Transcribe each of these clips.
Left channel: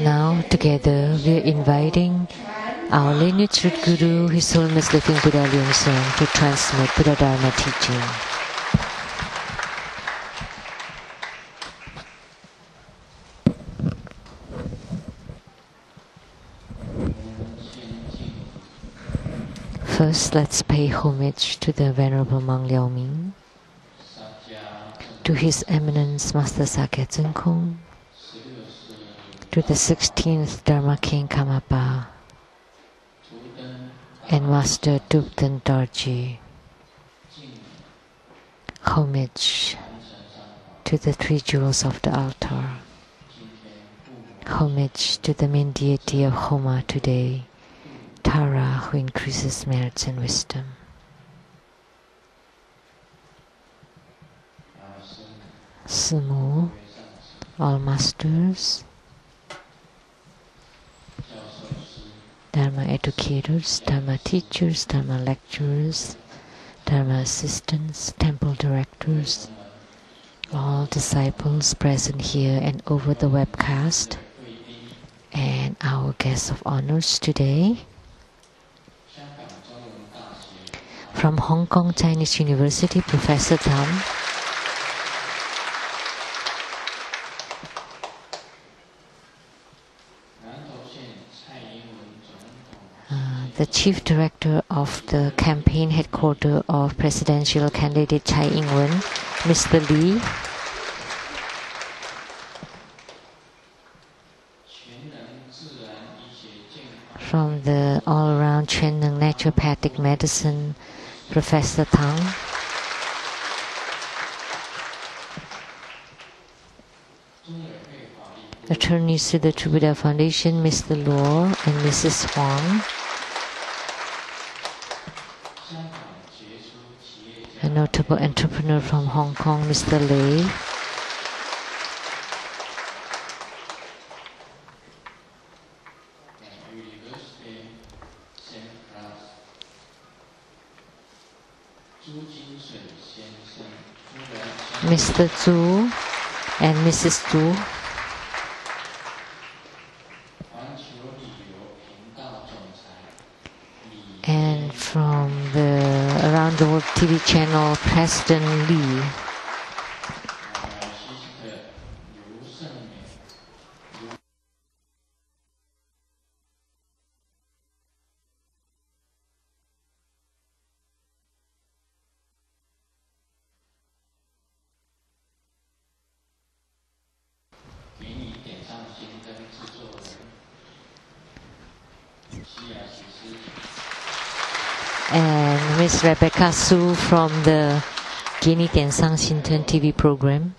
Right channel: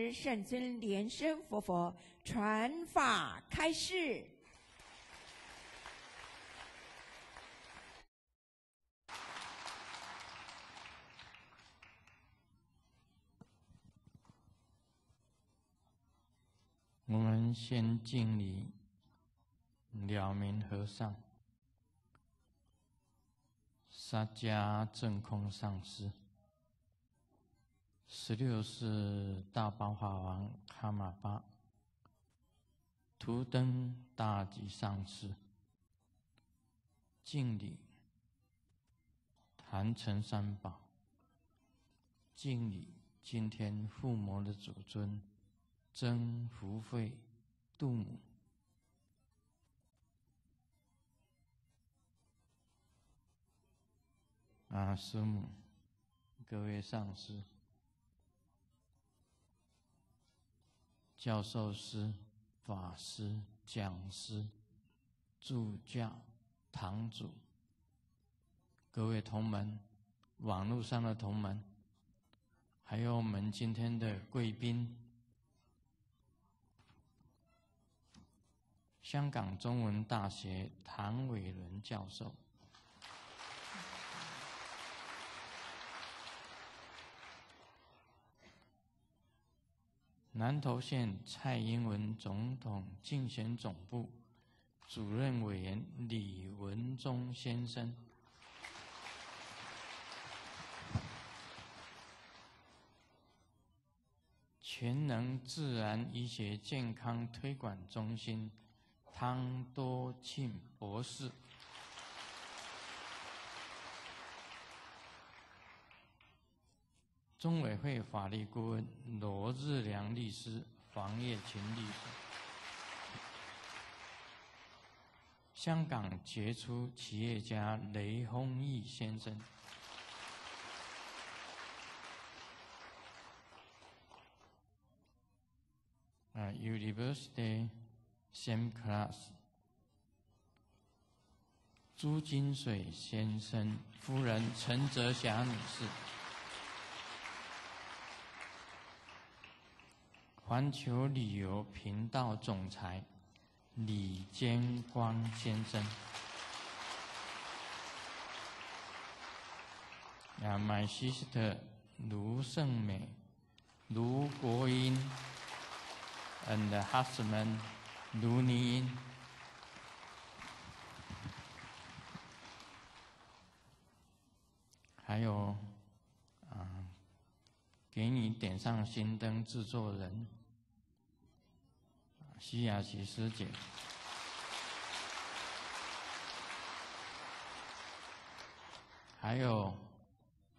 Now, together, we are inviting our lineage root guru, His Holiness Living Buddha Lian to transmit Buddha Dharma teaching. First, let's pay homage to the Venerable Monk Liao Ming, to His Eminence Master Sakya Tseng Kung, to the 16th Dharma King Kamapa, and Master Dukden Dorji. Homage to the three jewels of the altar. Homage to the main deity of Homa today, Tara, who increases merits and wisdom. Sumu, all masters, Dharma educators, Dharma teachers, Dharma lecturers, Dharma assistants, temple directors, all disciples present here and over the webcast, and our guests of honors today. From Hong Kong Chinese University, Professor Tam. The Chief Director of the Campaign Headquarters of Presidential Candidate Tsai Ing-wen, Mr. Lee. From the all-around Quan'an Naturopathic Medicine, Professor Tang. Attorneys to the True Buddha Foundation, Mr. Luo and Mrs. Huang. A notable entrepreneur from Hong Kong, Mr. Lei. Mr. Zhu and Mrs. Zhu. And from the Around the World TV channel, President Lee. My sister Lu Guoyin and the husband Lu Niyin. And Miss Rebecca Su from the Gini Tiansang Shinten TV program,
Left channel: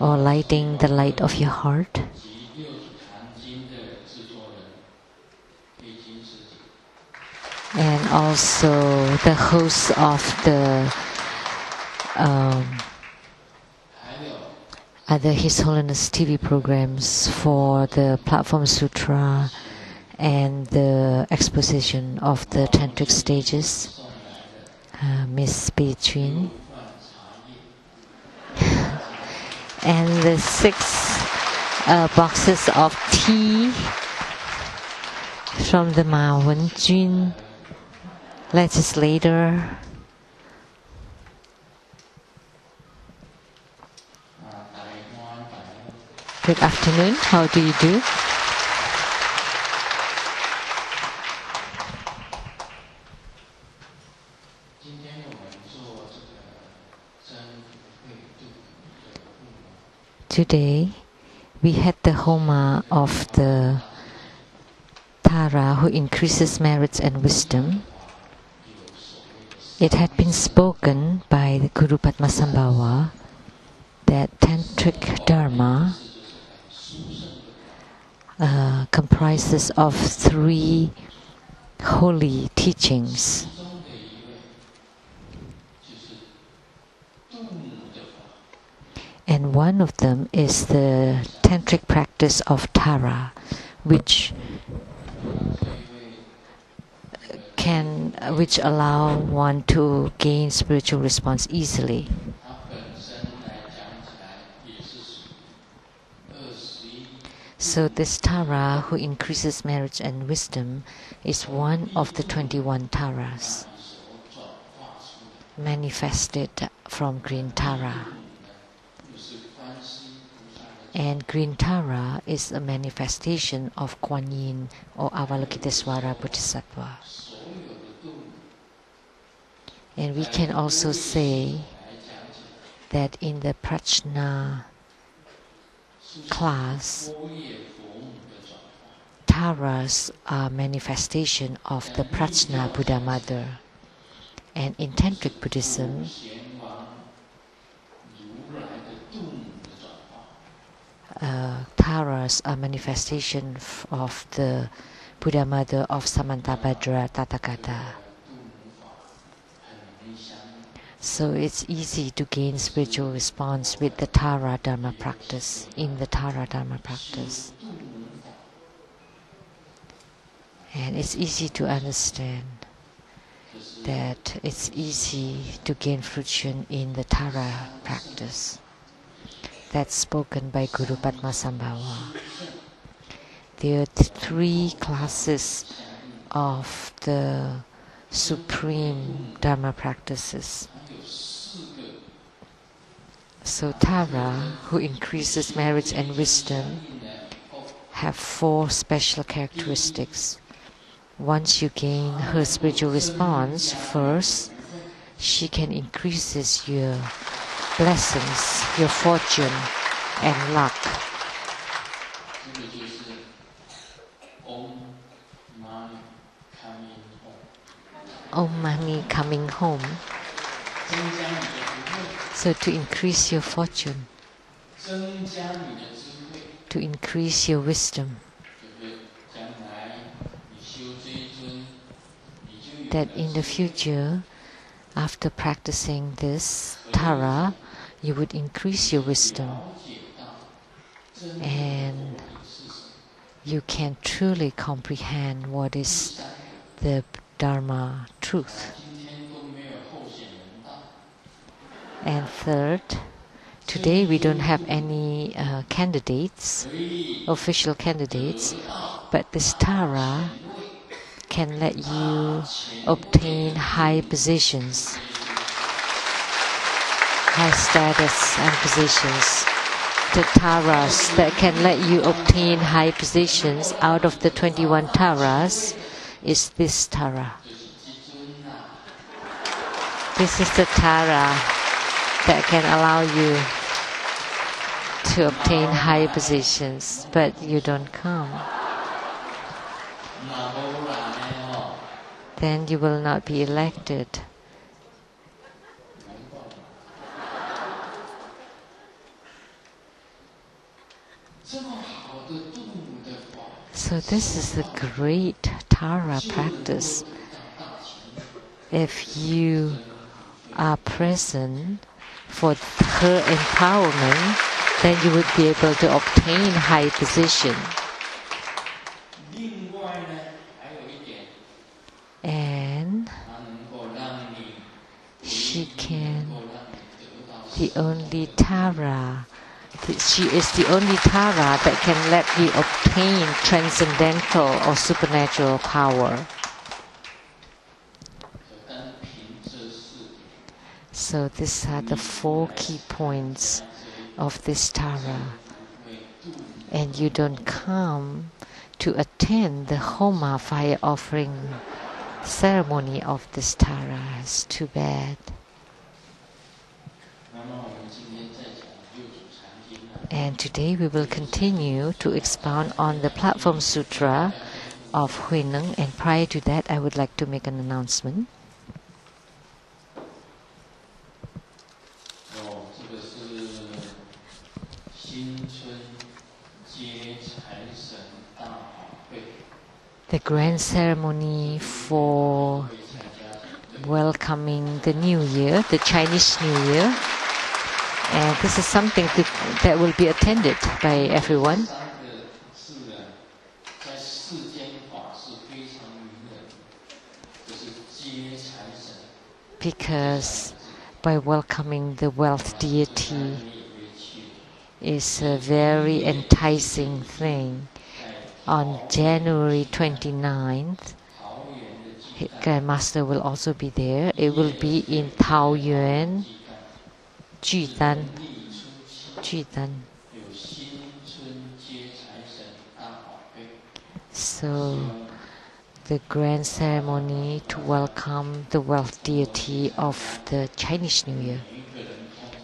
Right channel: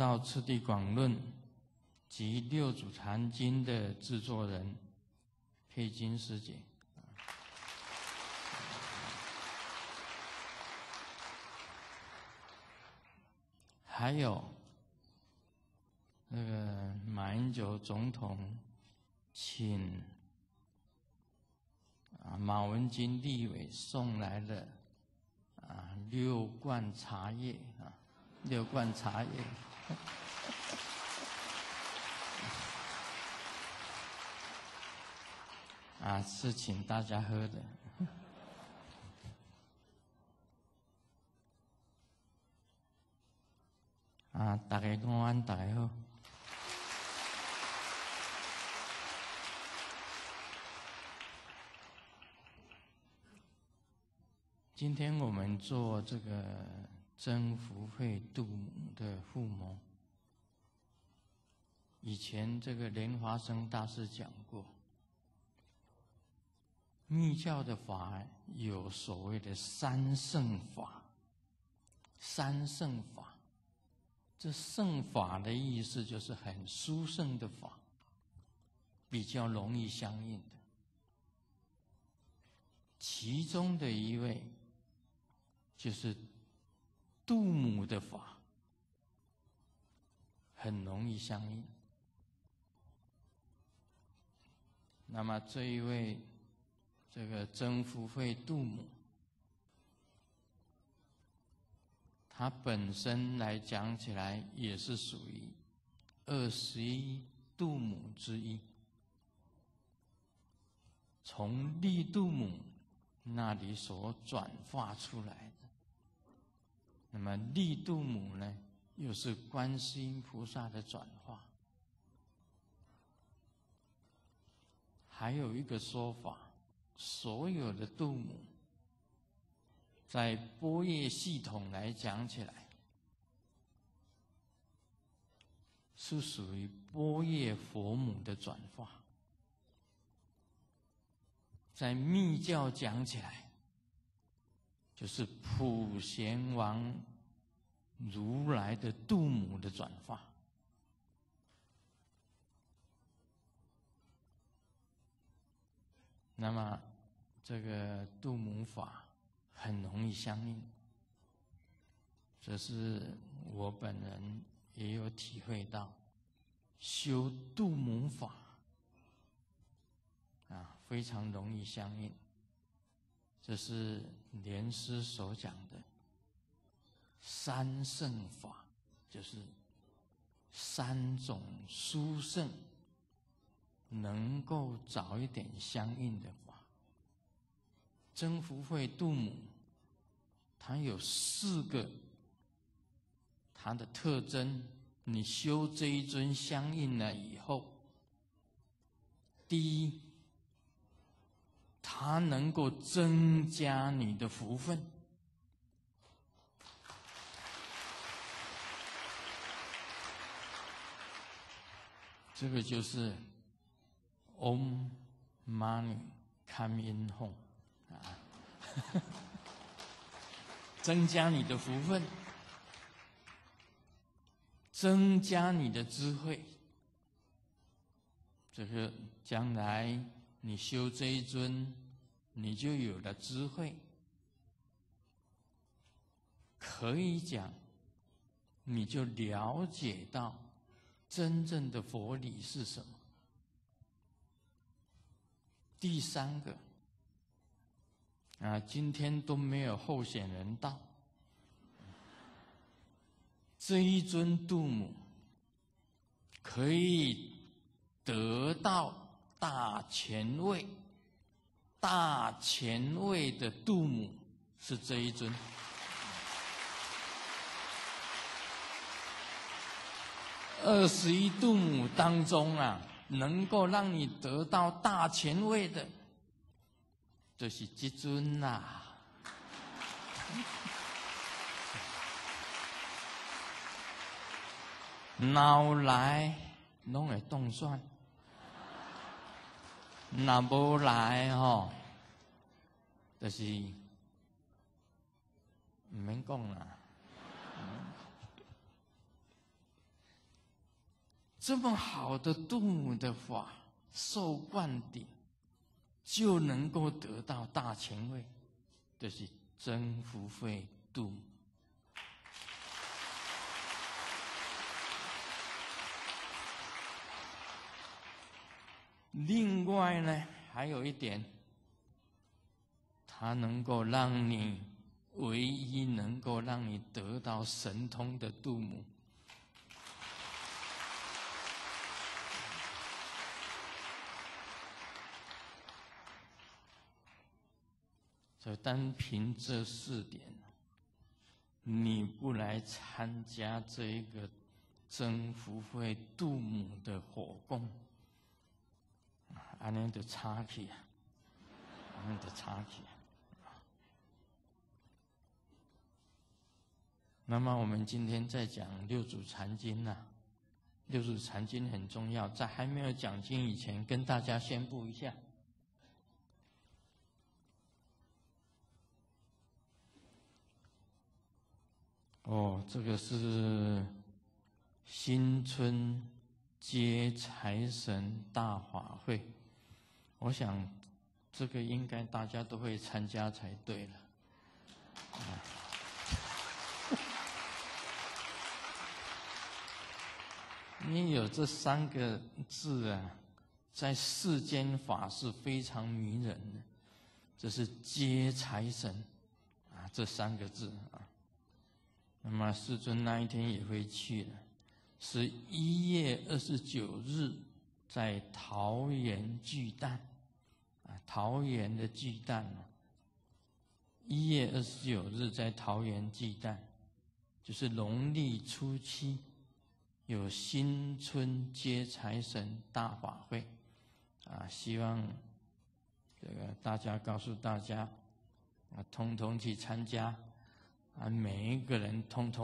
or Lighting the Light of Your Heart. And also the host of the other His Holiness TV programs for the Platform Sutra and the exposition of the Tantric stages, Miss Bei Chun. And the 6 boxes of tea from the Ma Wen-jun legislator. Good afternoon, how do you do? Today, we had the Homa of the Tara who increases merits and wisdom. It had been spoken by the Guru Padmasambhava that Tantric Dharma comprises of 3 holy teachings. And one of them is the tantric practice of Tara, which allow one to gain spiritual response easily. So this Tara who increases marriage and wisdom is one of the 21 Taras manifested from green Tara. And green Tara is a manifestation of Kuan Yin or Avalokitesvara Bodhisattva. And we can also say that in the Prajna class, Taras are manifestation of the Prajna Buddha Mother. And in Tantric Buddhism, Taras are manifestation of the Buddha Mother of Samantabhadra Tathagata. So it's easy to gain spiritual response with the Tara Dharma practice, in the Tara Dharma practice. And it's easy to understand that it's easy to gain fruition in the Tara practice. That's spoken by Guru Padmasambhava. There are three classes of the supreme Dharma practices. So Tara, who increases marriage and wisdom, have 4 special characteristics. Once you gain her spiritual response, first, she can increase your blessings, your fortune and luck. Oh, money coming home. So to increase your fortune, to increase your wisdom, that in the future, after practicing this Tara, you would increase your wisdom and you can truly comprehend what is the Dharma truth. And third, today we don't have any candidates, official candidates, but this Tara can let you obtain high positions, high status and positions. The Taras that can let you obtain high positions out of the 21 Taras is this Tara. This is the Tara that can allow you to obtain high positions, but you don't come. Then you will not be elected. So this is a great Tara practice. If you are present for her empowerment, then you would be able to obtain high position. And she can, the only Tara, she is the only Tara that can let you obtain transcendental or supernatural power. So these are the 4 key points of this Tara. And you don't come to attend the Homa fire offering ceremony of this Tara. It's too bad. And today we will continue to expound on the Platform Sutra of Hui Neng, and prior to that I would like to make an announcement. The grand ceremony for welcoming the New Year, the Chinese New Year. And this is something that will be attended by everyone. Because by welcoming the wealth deity, is a very enticing thing. On January 29th, Grandmaster will also be there. It will be in Taoyuan, Judan. So, the grand ceremony to welcome the wealth deity of the Chinese New Year.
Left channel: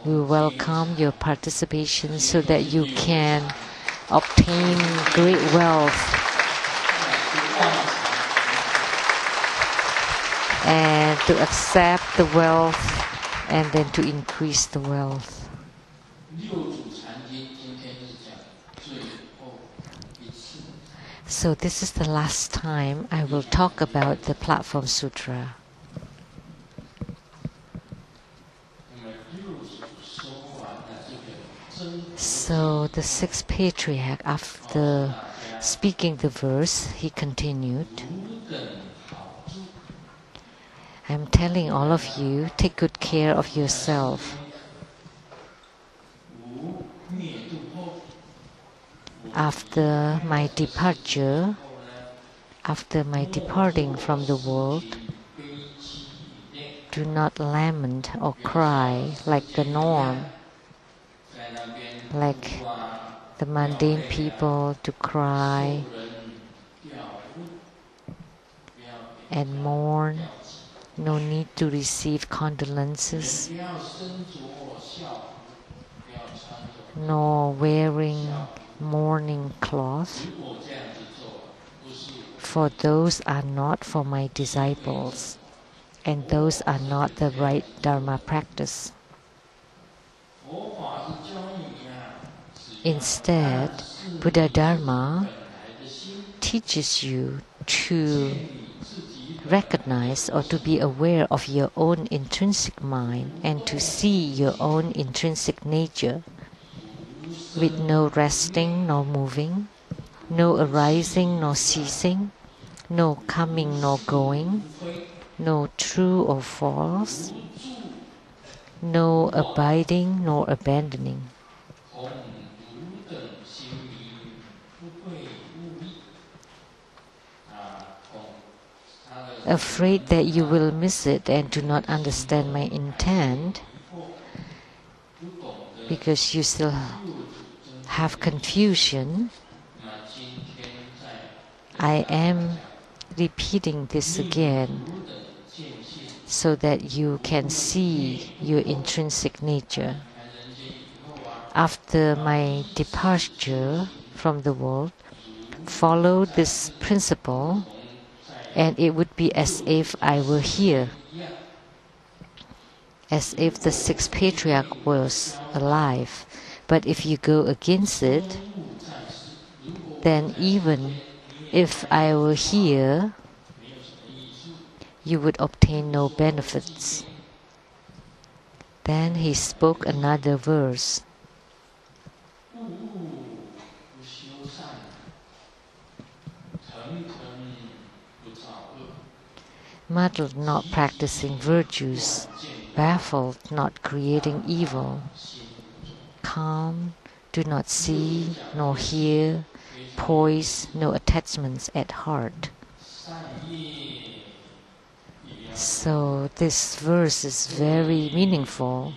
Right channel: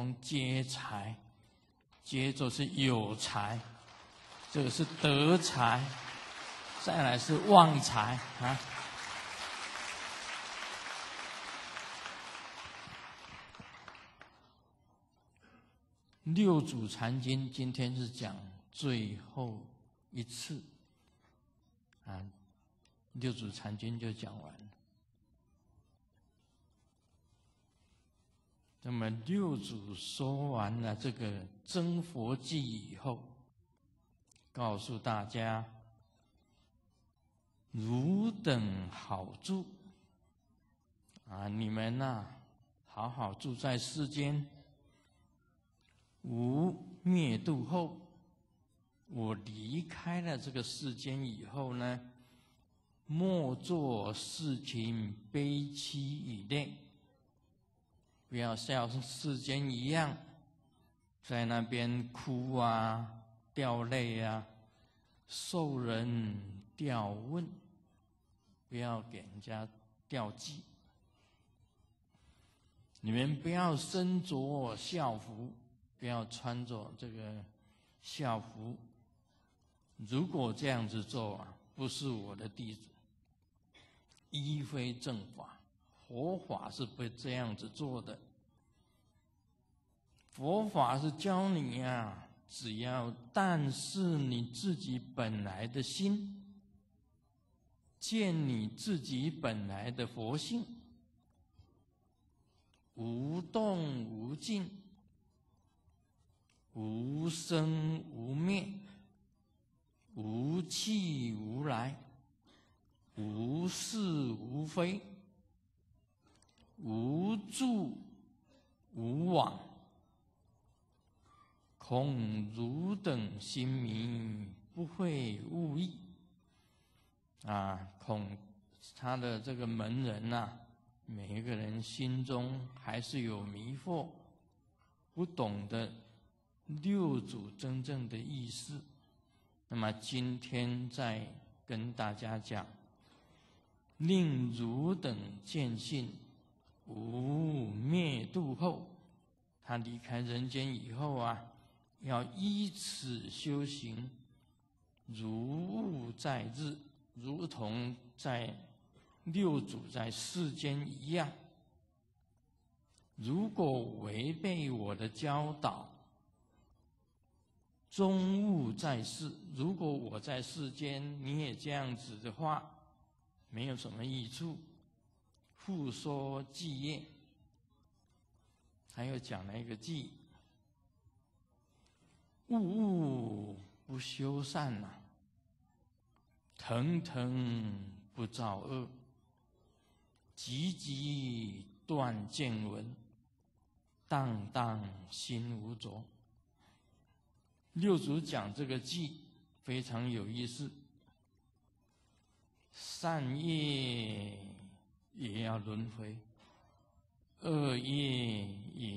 We welcome your participation so that you can obtain great wealth and to accept the wealth and then to increase the wealth. So this is the last time I will talk about the Platform Sutra. So the sixth patriarch, after speaking the verse, he continued, I'm telling all of you, take good care of yourself. After my departure, after my departing from the world, do not lament or cry like the norm, like the mundane people to cry and mourn. No need to receive condolences, nor wearing mourning cloth, for those are not for my disciples, and those are not the right Dharma practice. Instead, Buddha Dharma teaches you to recognize or to be aware of your own intrinsic mind and to see your own intrinsic nature with no resting nor moving, no arising nor ceasing, no coming nor going, no true or false, no abiding nor abandoning. Afraid that you will miss it and do not understand my intent, because you still have confusion, I am repeating this again so that you can see your intrinsic nature. After my departure from the world, follow this principle, and it would be as if I were here, as if the sixth patriarch was alive. But if you go against it, then even if I were here, you would obtain no benefits. Then he spoke another verse. Muddled, not practicing virtues, baffled, not creating evil, calm, do not see nor hear, poised, no attachments at heart. So this verse is very meaningful,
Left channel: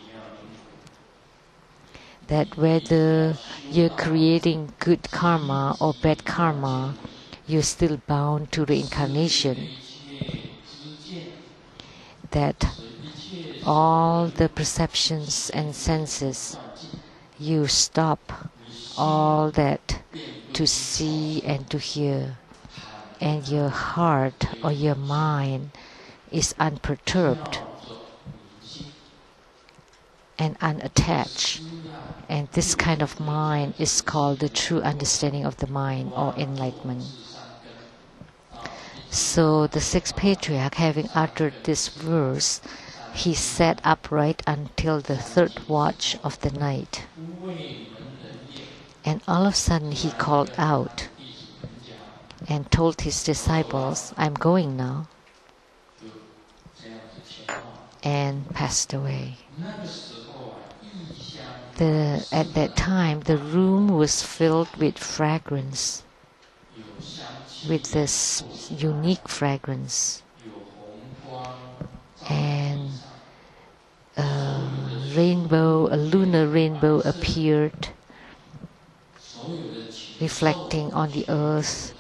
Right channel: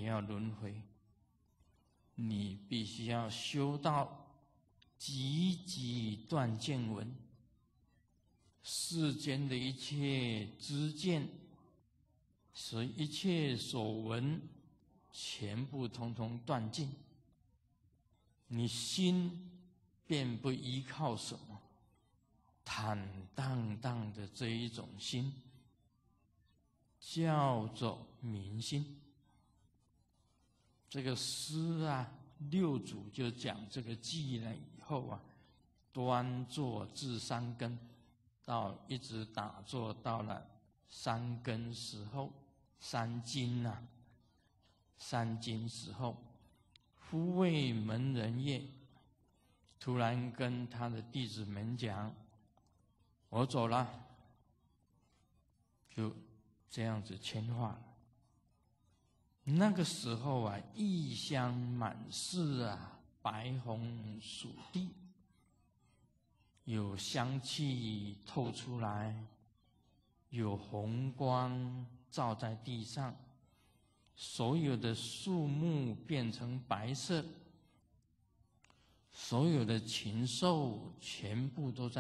that whether you're creating good karma or bad karma, you're still bound to reincarnation. That all the perceptions and senses, you stop all that to see and to hear, and your heart or your mind is unperturbed and unattached. And this kind of mind is called the true understanding of the mind or enlightenment. So the sixth patriarch, having uttered this verse, he sat upright until the third watch of the night. And all of a sudden he called out and told his disciples, I'm going now. and passed away. At that time, the room was filled with fragrance, with this unique fragrance, and a lunar rainbow appeared, reflecting on the earth,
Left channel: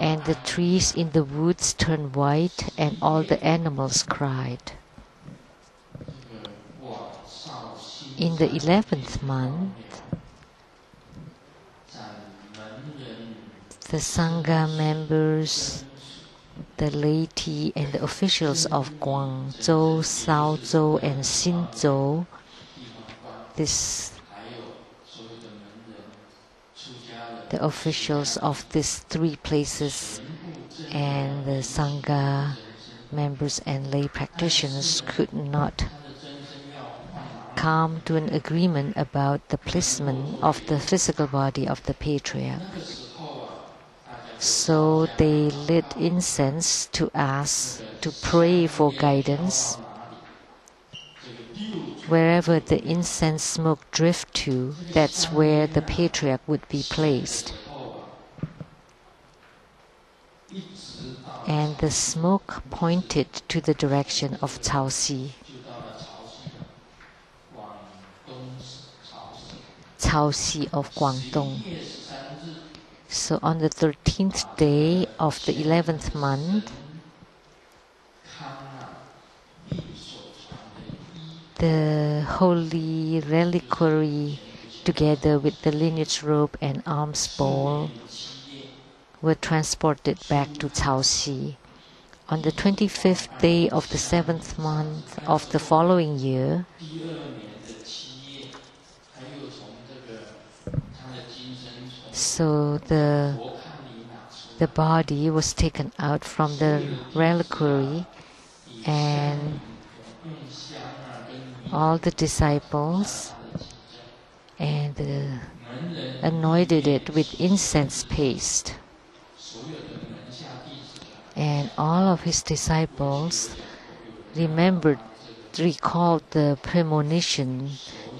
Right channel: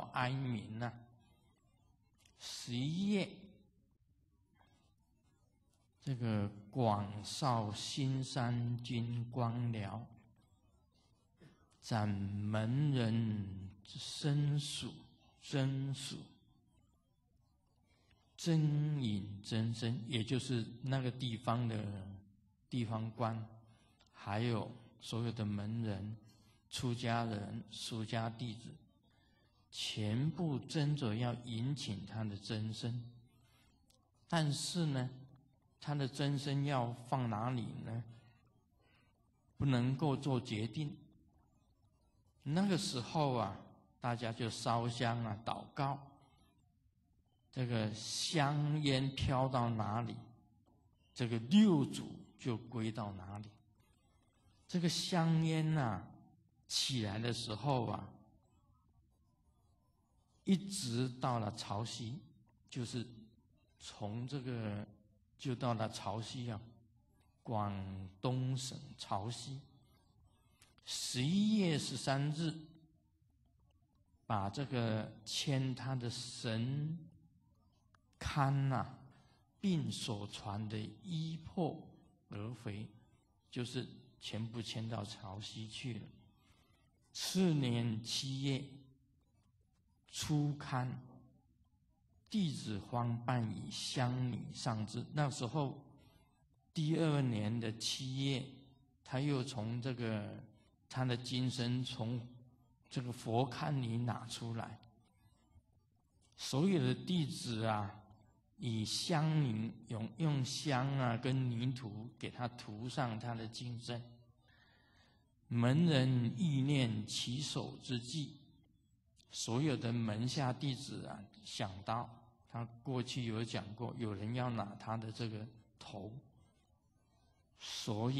and the trees in the woods turned white, and all the animals cried. In the 11th month, the Sangha members, the laity, and the officials of Guangzhou, Shaozhou, and Xinzhou, the officials of these three places and the Sangha members and lay practitioners could not come to an agreement about the placement of the physical body of the Patriarch. So they lit incense to ask, to pray for guidance. Wherever the incense smoke drift to, that's where the Patriarch would be placed. And the smoke pointed to the direction of Caoxi. Caoxi of Guangdong. So on the 13th day of the 11th month, the holy reliquary, together with the lineage robe and alms bowl, were transported back to Caoxi. On the 25th day of the 7th month of the following year, so the body was taken out from the reliquary, and all the disciples and anointed it with incense paste. And all of his disciples recalled the premonition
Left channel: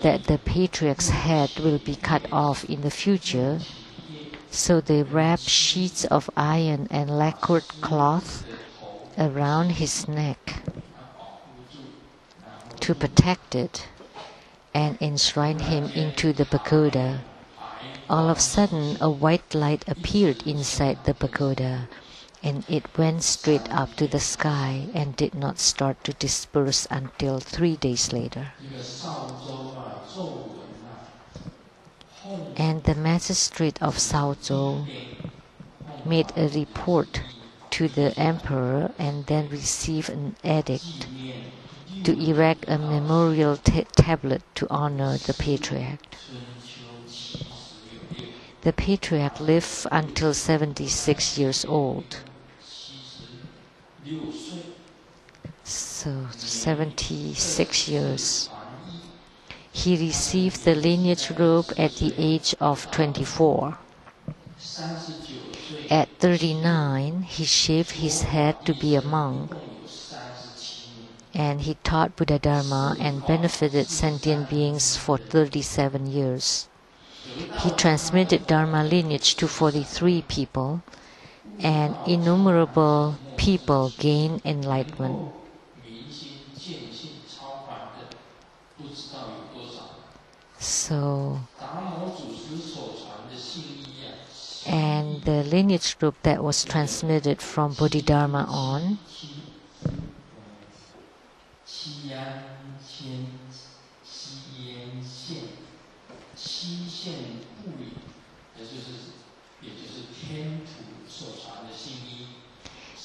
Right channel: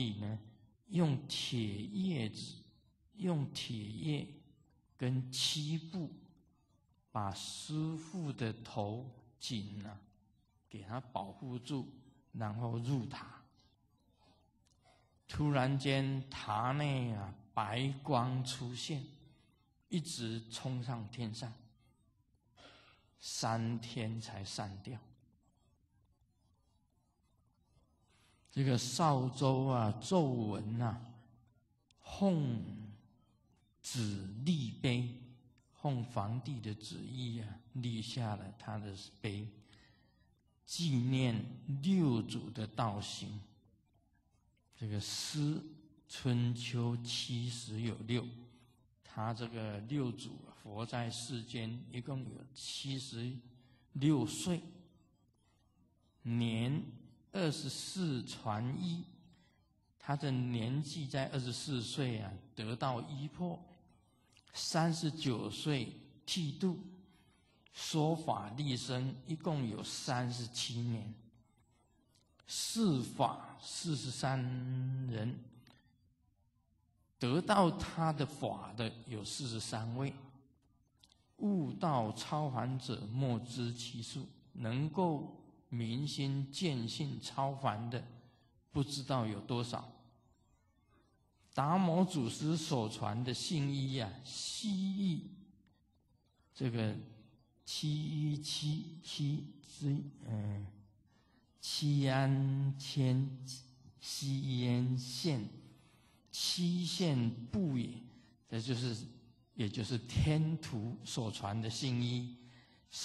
that the Patriarch's head will be cut off in the future. So they wrapped sheets of iron and lacquered cloth around his neck to protect it and enshrine him into the pagoda. All of a sudden, a white light appeared inside the pagoda, and it went straight up to the sky and did not start to disperse until 3 days later. And the magistrate of Shaozhou made a report to the emperor and then received an edict to erect a memorial tablet to honor the Patriarch. The Patriarch lived until 76 years old. So 76 years. He received the lineage robe at the age of 24. At 39, he shaved his head to be a monk, and he taught Buddha Dharma and benefited sentient beings for 37 years. He transmitted Dharma lineage to 43 people, and innumerable people gained enlightenment. So, and the lineage group that was transmitted from Bodhidharma on,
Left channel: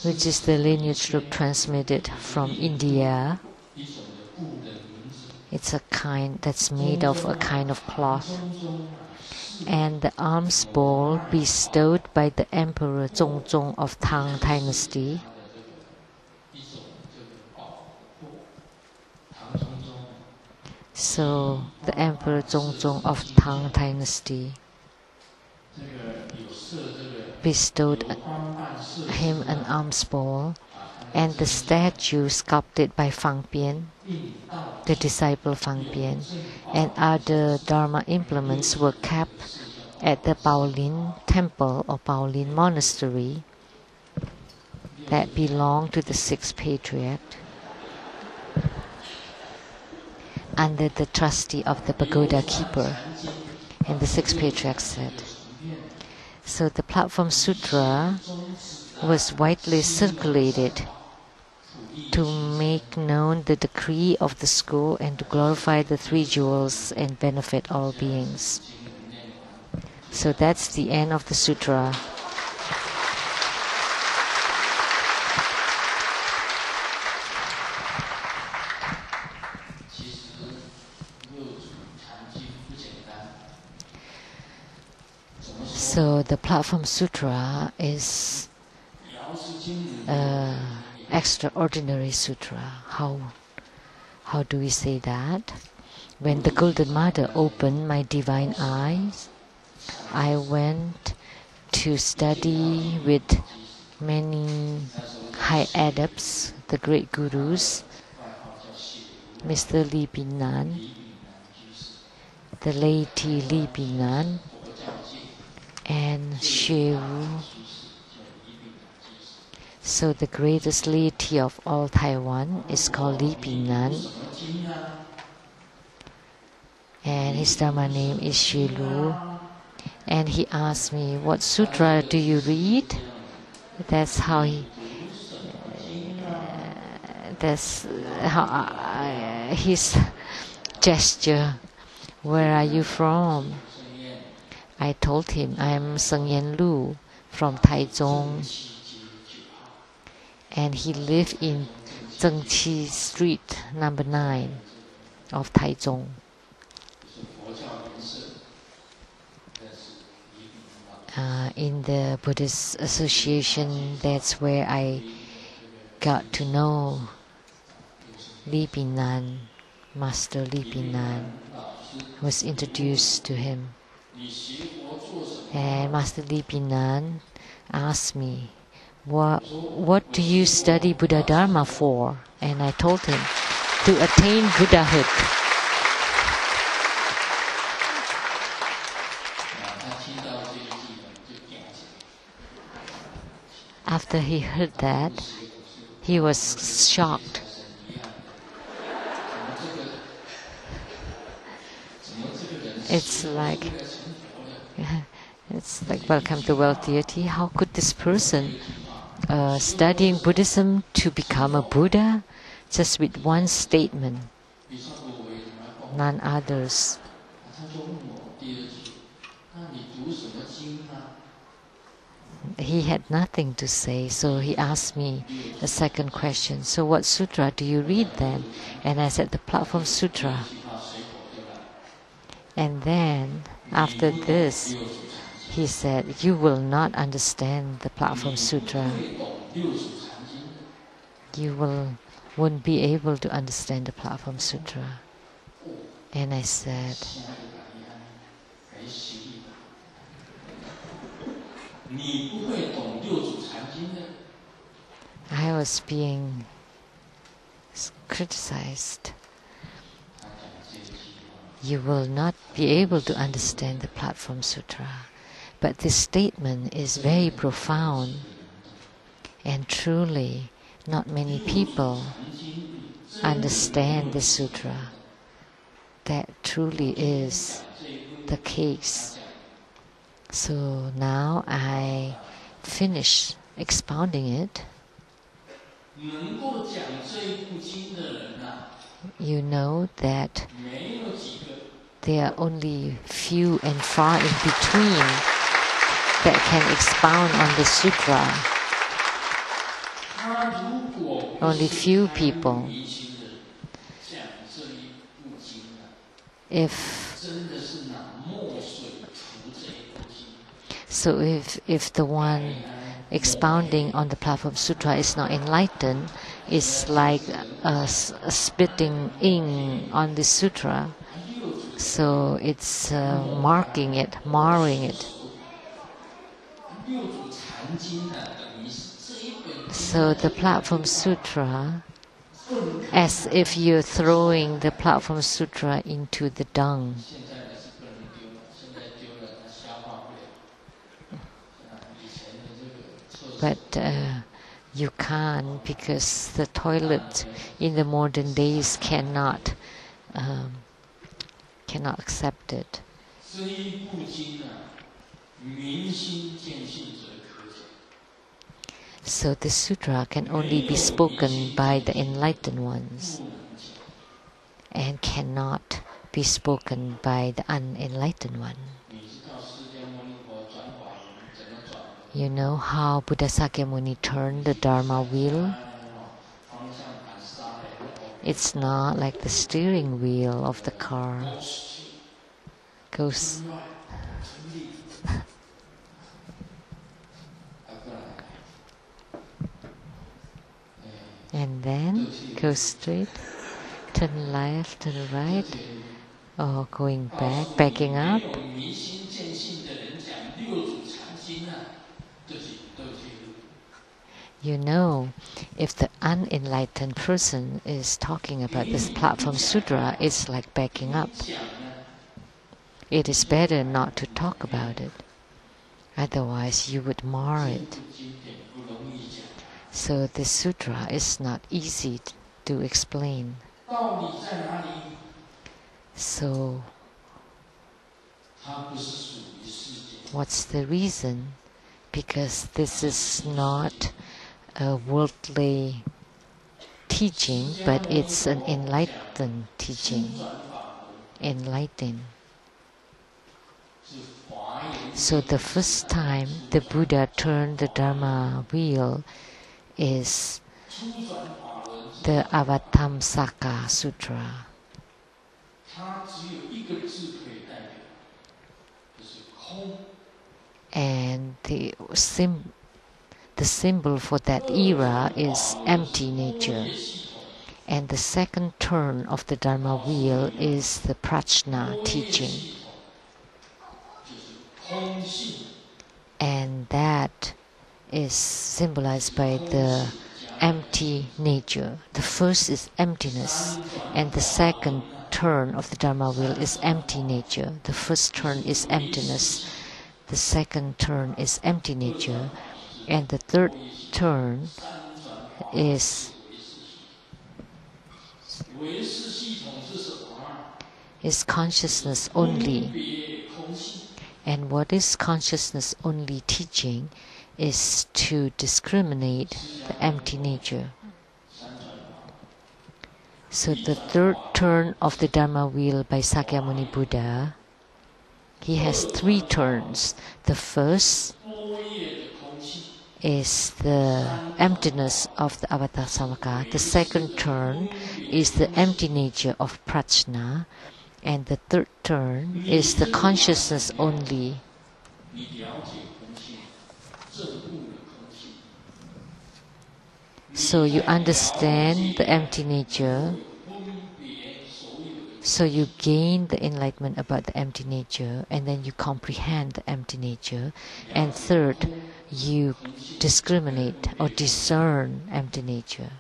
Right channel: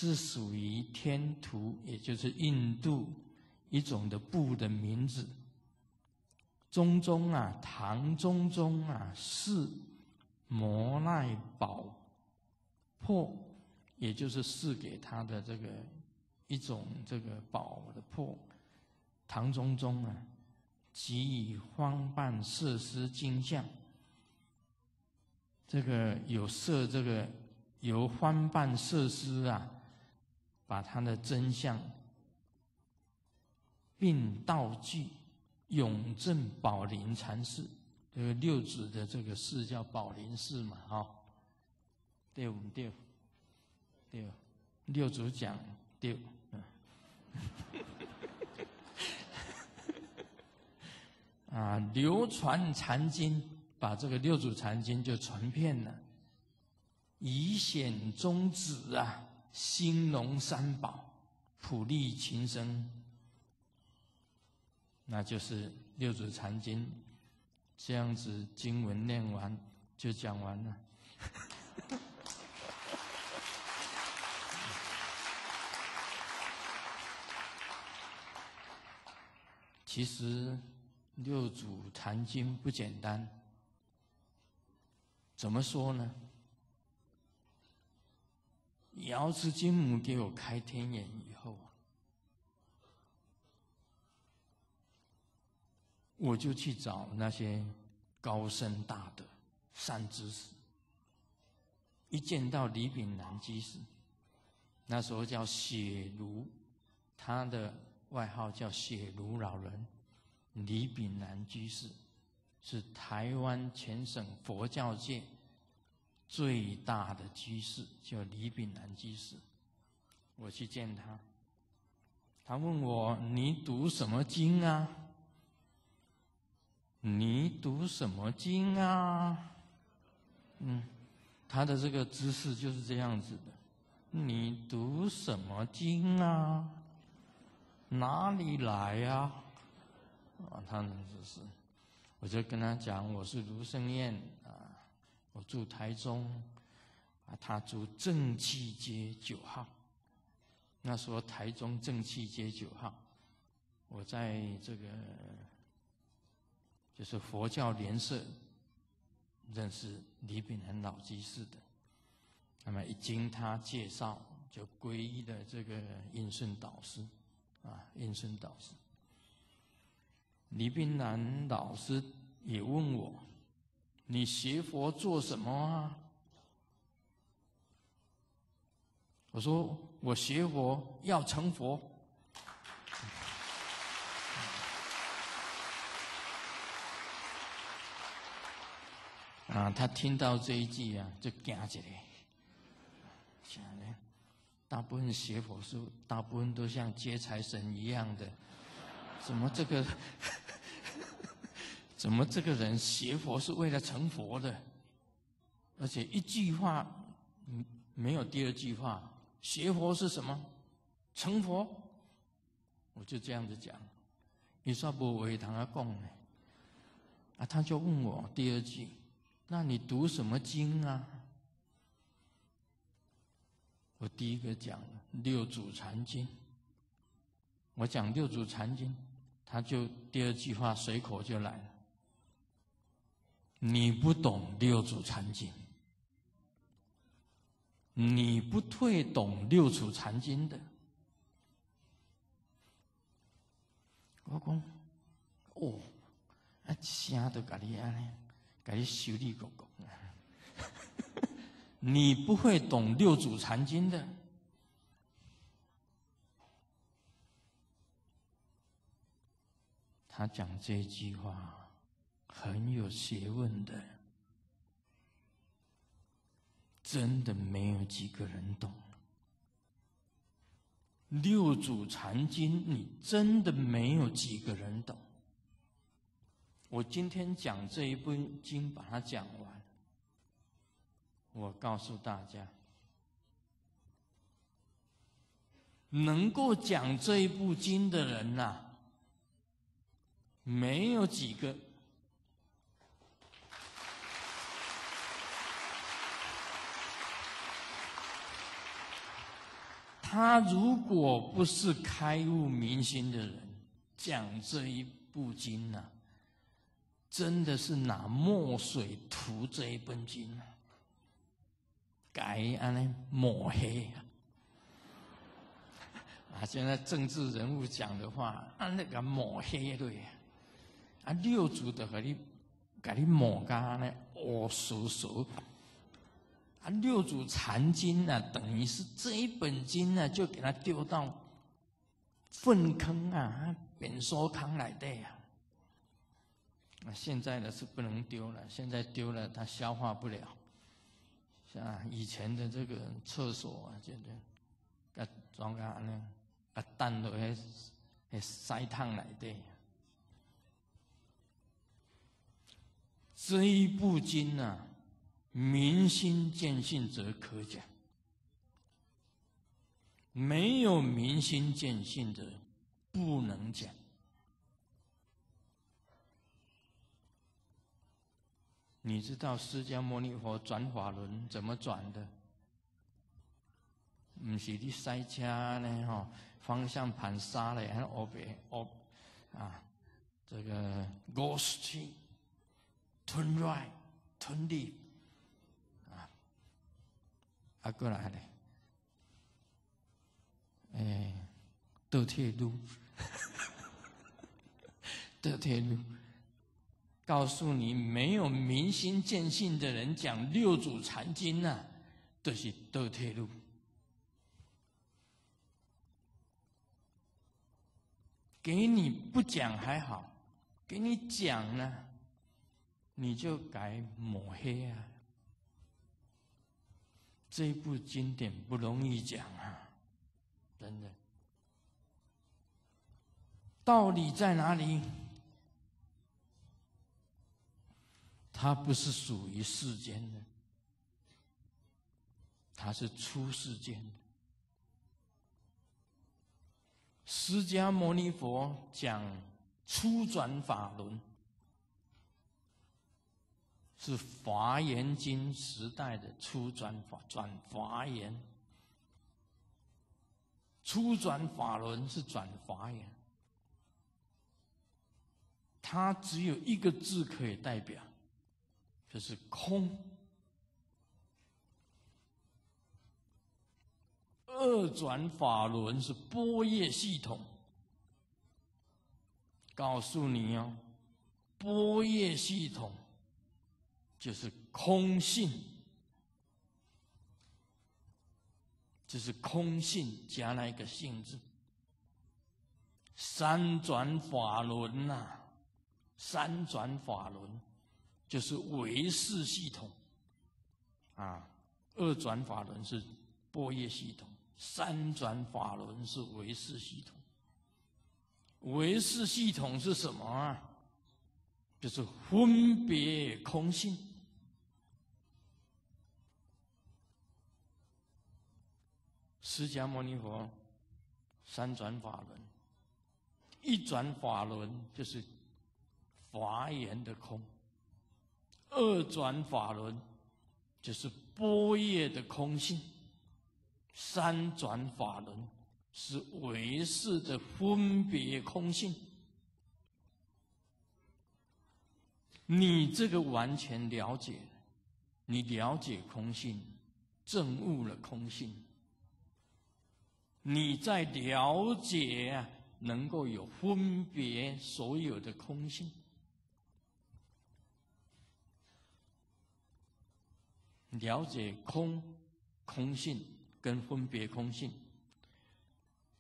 which is the lineage group transmitted from India. It's a kind that's made of a kind of cloth. And the alms bowl bestowed by the Emperor Zhongzong of Tang Dynasty. So the Emperor Zhongzong of Tang Dynasty. bestowed him an alms bowl, and the statue sculpted by Fang Bian, the disciple Fang Bian, and other Dharma implements were kept at the Baolin temple or Baolin monastery that belonged to the sixth patriarch, under the trustee of the pagoda keeper. And the sixth patriarch said, so the Platform Sutra was widely circulated to make known the decree of the school and to glorify the three jewels and benefit all beings. So that's the end of the sutra. So the Platform Sutra is an extraordinary sutra. How do we say that? When the Golden Mother opened my divine eyes, I went to study with many high adepts, the great gurus, Mr. Li Binan, the laity Li Binan, and Xue Wu. So the greatest laity of all Taiwan is called Li Binan, and his Dharma name is Xue Lu. And he asked me, what sutra do you read? That's how his gesture. Where are you from? I told him, I am Sheng-yen Lu from Taichung. And he lived in Tsang Street, number 9 of Taichung. In the Buddhist Association, that's where I got to know Li Binan, Master Li Binan, was introduced to him. And Master Li Binan asked me, what do you study Buddha Dharma for? And I told him, to attain Buddhahood. After he heard that, he was shocked. It's like welcome to world deity. How could this person studying Buddhism to become a Buddha just with one statement, none others? He had nothing to say, so he asked me a second question. So what sutra do you read then? And I said, the Platform Sutra. And then, after this, he said, you will not understand the Platform Sutra. You won't be able to understand the Platform Sutra. And I said, I was being criticized. You will not be able to understand the Platform Sutra. But this statement is very profound, and truly not many people understand the sutra. That truly is the case. So now I finish expounding it. You know that there are only few and far in between that can expound on the sutra. Only few people. So if the one expounding on the Platform Sutra is not enlightened, it's like spitting ink on the sutra. So it's marring it. So the Platform Sutra, as if you're throwing the Platform Sutra into the dung. But you can't, because the toilet in the modern days cannot accept it. So the sutra can only be spoken by the enlightened ones and cannot be spoken by the unenlightened one. You know how Buddha Sakyamuni turned the Dharma wheel? It's not like the steering wheel of the car. Goes and then go straight, turn left, turn right, or going back, backing up. You know, if the unenlightened person is talking about this Platform Sutra, it's like backing up. It is better not to talk about it. Otherwise, you would mar it. So the sutra is not easy to explain. So, what's the reason? Because this is not a worldly teaching, but it's an enlightened teaching. Enlightened. So the first time the Buddha turned the Dharma wheel is the Avatamsaka Sutra. And the symbol for that era is empty nature. And the second turn of the Dharma wheel is the Prajna teaching. And that is symbolized by the empty nature. The first is emptiness, and the second turn of the Dharma wheel is empty nature. The first turn is emptiness, the second turn is empty nature, and the third turn is consciousness only. And what is consciousness only teaching is to discriminate the empty nature. So the third turn of the Dharma wheel by Sakyamuni Buddha, he has three turns. The first is the emptiness of the Avatamsaka. The second turn is the empty nature of Prajna. And the third turn is the consciousness only. So you understand the empty nature, so you gain the enlightenment about the empty nature, and then you comprehend the empty nature. And third, you discriminate or discern empty nature.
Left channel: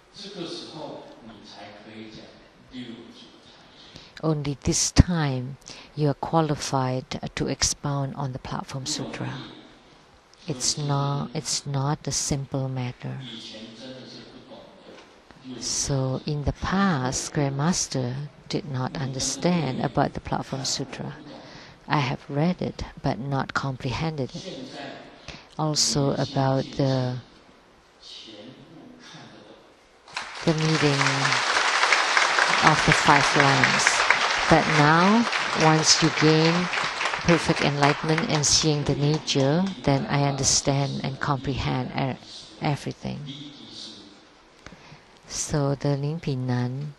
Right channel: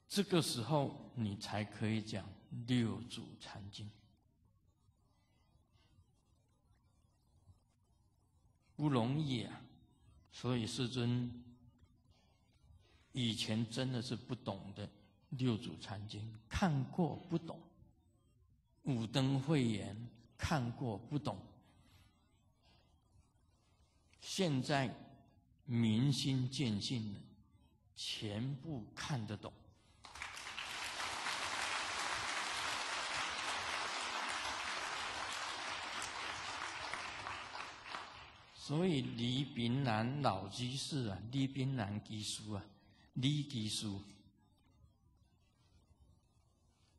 Only this time you are qualified to expound on the Platform Sutra. It's not a simple matter. So in the past, Grandmaster did not understand about the Platform Sutra. I have read it but not comprehended it. Also about the meaning of the five lands. But now, once you gain perfect enlightenment and seeing the nature, then I understand and comprehend everything. So the Lingpinan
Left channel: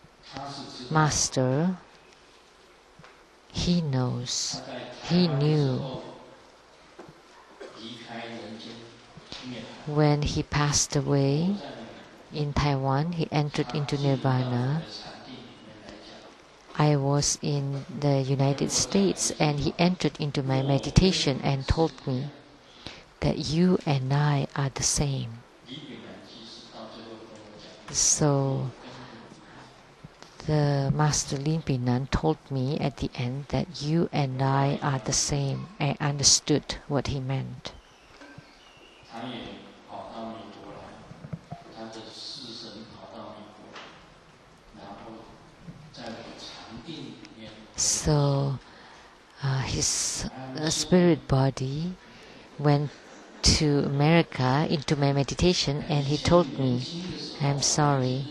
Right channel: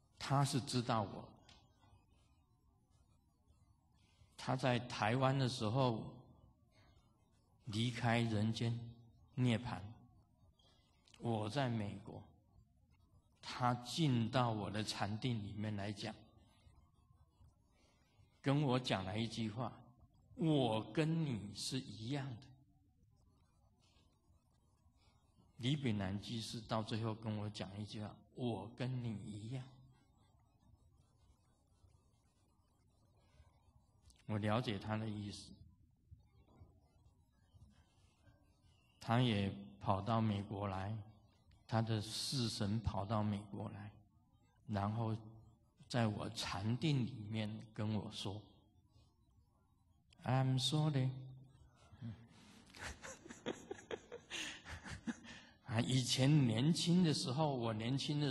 master, he knows, he knew when he passed away in Taiwan, he entered into Nirvana. I was in the United States and he entered into my meditation and told me, that you and I are the same. So the Master Lin Binan told me at the end that you and I are the same. I understood what he meant. So his spirit body went to America into my meditation, and he told me, I'm sorry.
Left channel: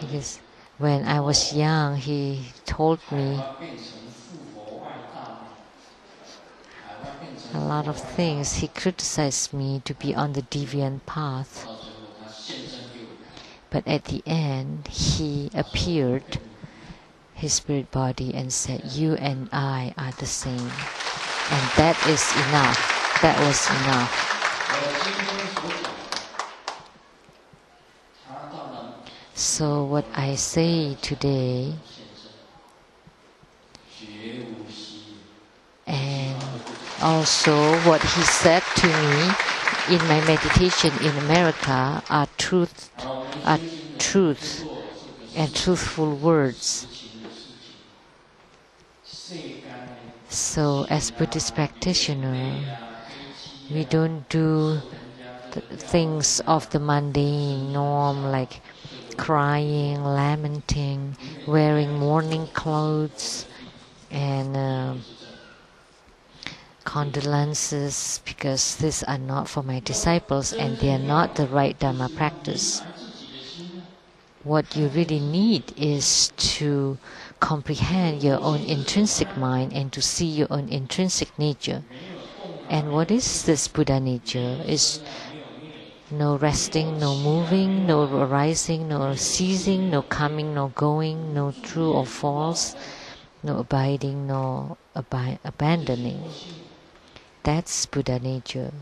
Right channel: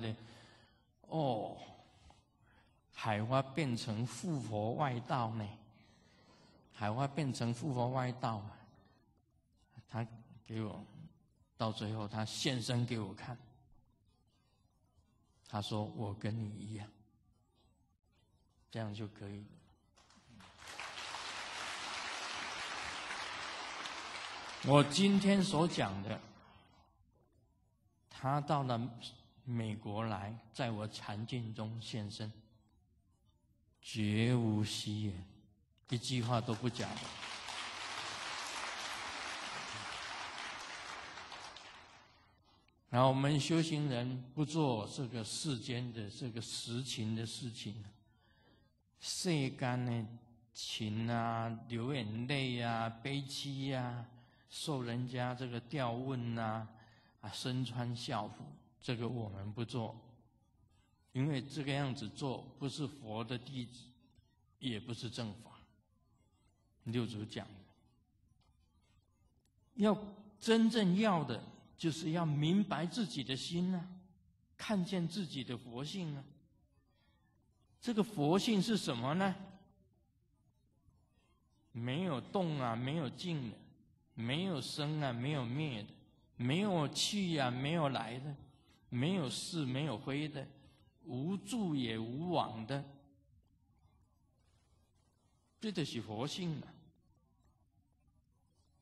Because when I was young, he told me a lot of things. He criticized me to be on the deviant path. But at the end, he appeared, his spirit body, and said, you and I are the same. And that is enough. That was enough. So what I say today, and also what he said to me in my meditation in America are truth and truthful words. So as Buddhist practitioner, we don't do the things of the mundane norm like crying, lamenting, wearing mourning clothes, and condolences, because these are not for my disciples and they are not the right Dharma practice. What you really need is to comprehend your own intrinsic mind and to see your own intrinsic nature. And what is this Buddha nature? Is no resting, no moving, no arising, no ceasing, no coming, no going, no true or false, no abiding, no abandoning. That's Buddha nature.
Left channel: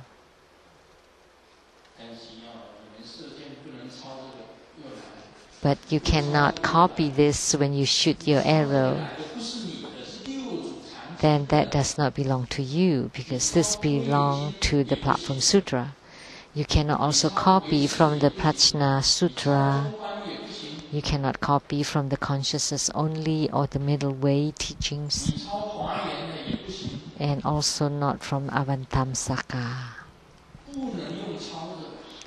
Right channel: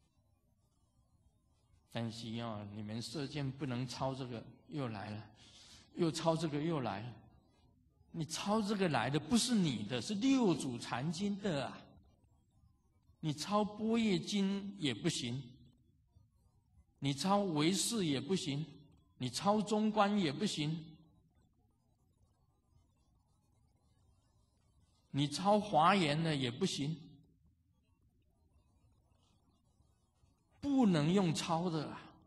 But you cannot copy this when you shoot your arrow. Then that does not belong to you, because this belongs to the Platform Sutra. You cannot also copy from the Prajna Sutra. You cannot copy from the consciousness only or the middle way teachings. And also not from Avantamsaka.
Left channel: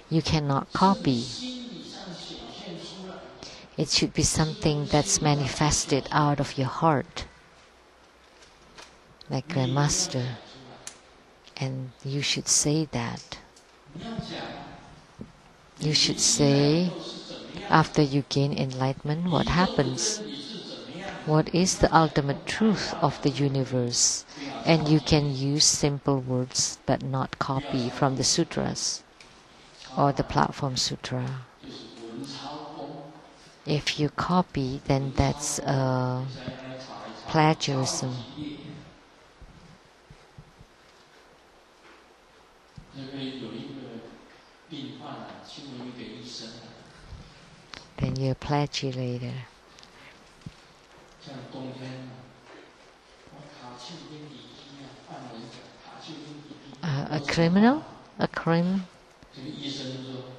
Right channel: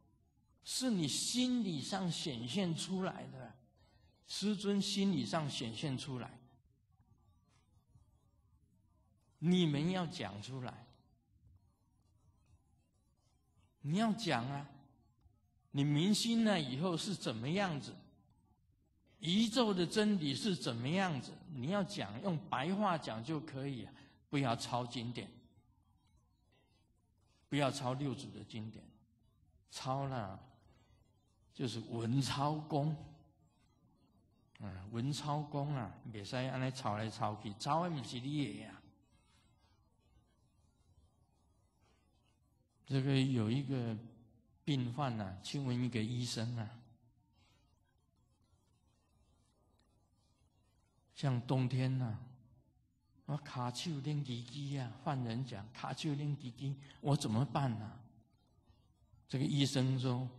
You cannot copy. It should be something that's manifested out of your heart, like the Master. And you should say that. You should say, after you gain enlightenment, what happens? What is the ultimate truth of the universe? And you can use simple words but not copy from the sutras or the Platform Sutra. If you copy, then that's plagiarism. Then you're a plagiator. A criminal?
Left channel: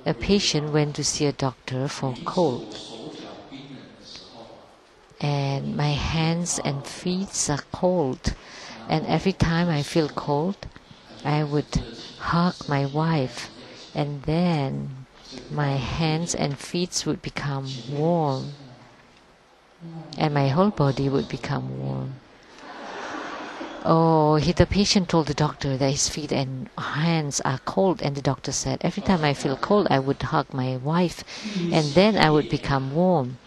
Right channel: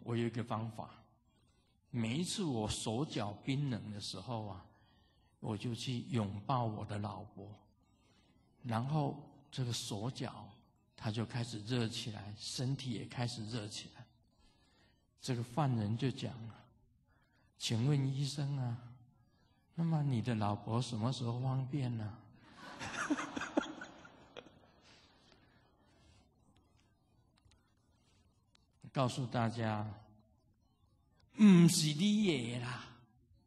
A patient went to see a doctor for cold. And my hands and feet are cold. And every time I feel cold, I would hug my wife. And then my hands and feet would become warm. And my whole body would become warm. Oh, the patient told the doctor that his feet and hands are cold, and the doctor said, every time I feel cold, I would hug my wife, and then I would become warm.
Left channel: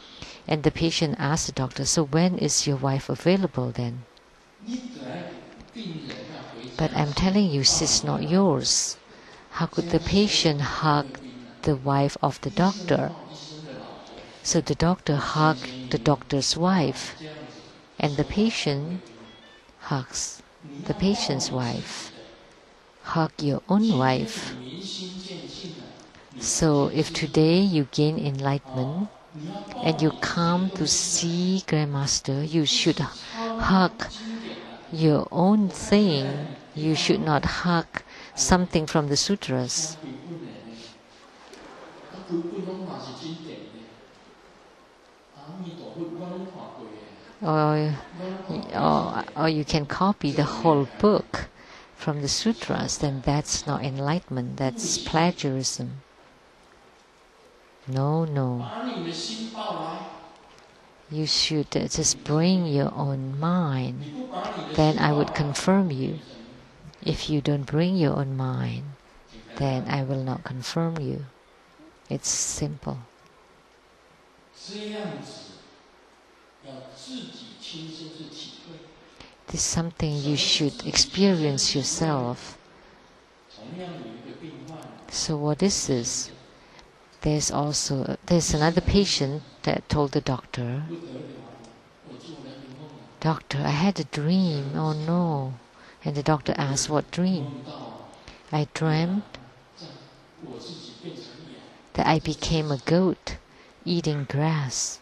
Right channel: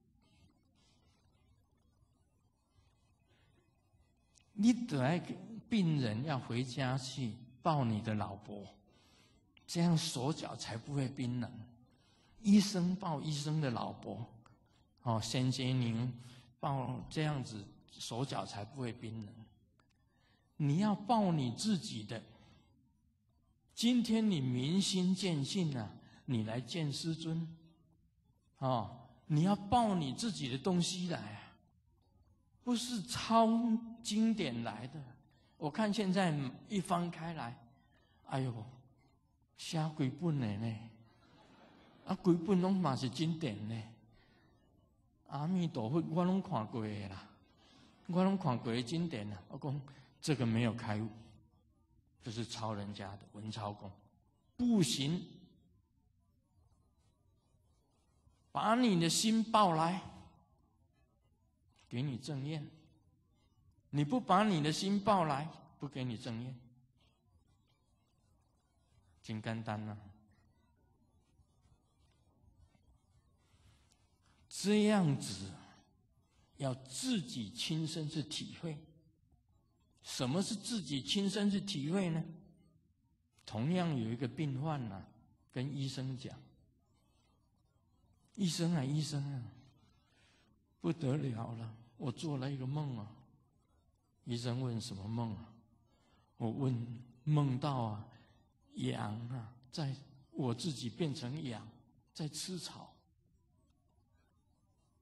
And the patient asked the doctor, so when is your wife available then? But I'm telling you, she's not yours. How could the patient hug the wife of the doctor? So the doctor hugged the doctor's wife, and the patient hugs the patient's wife. Hug your own wife. So if today you gain enlightenment and you come to see Grandmaster, you should hug your own thing. You should not hug something from the sutras. Or you can copy the whole book from the sutras, then that's not enlightenment, that's plagiarism. No. You should just bring your own mind. Then I would confirm you. If you don't bring your own mind, then I will not confirm you. It's simple. This is something you should experience yourself. So what is this? There's another patient that told the doctor, "Doctor, I had a dream. Oh no." And the doctor asked, "What dream?" "I dreamt that I became a goat eating grass."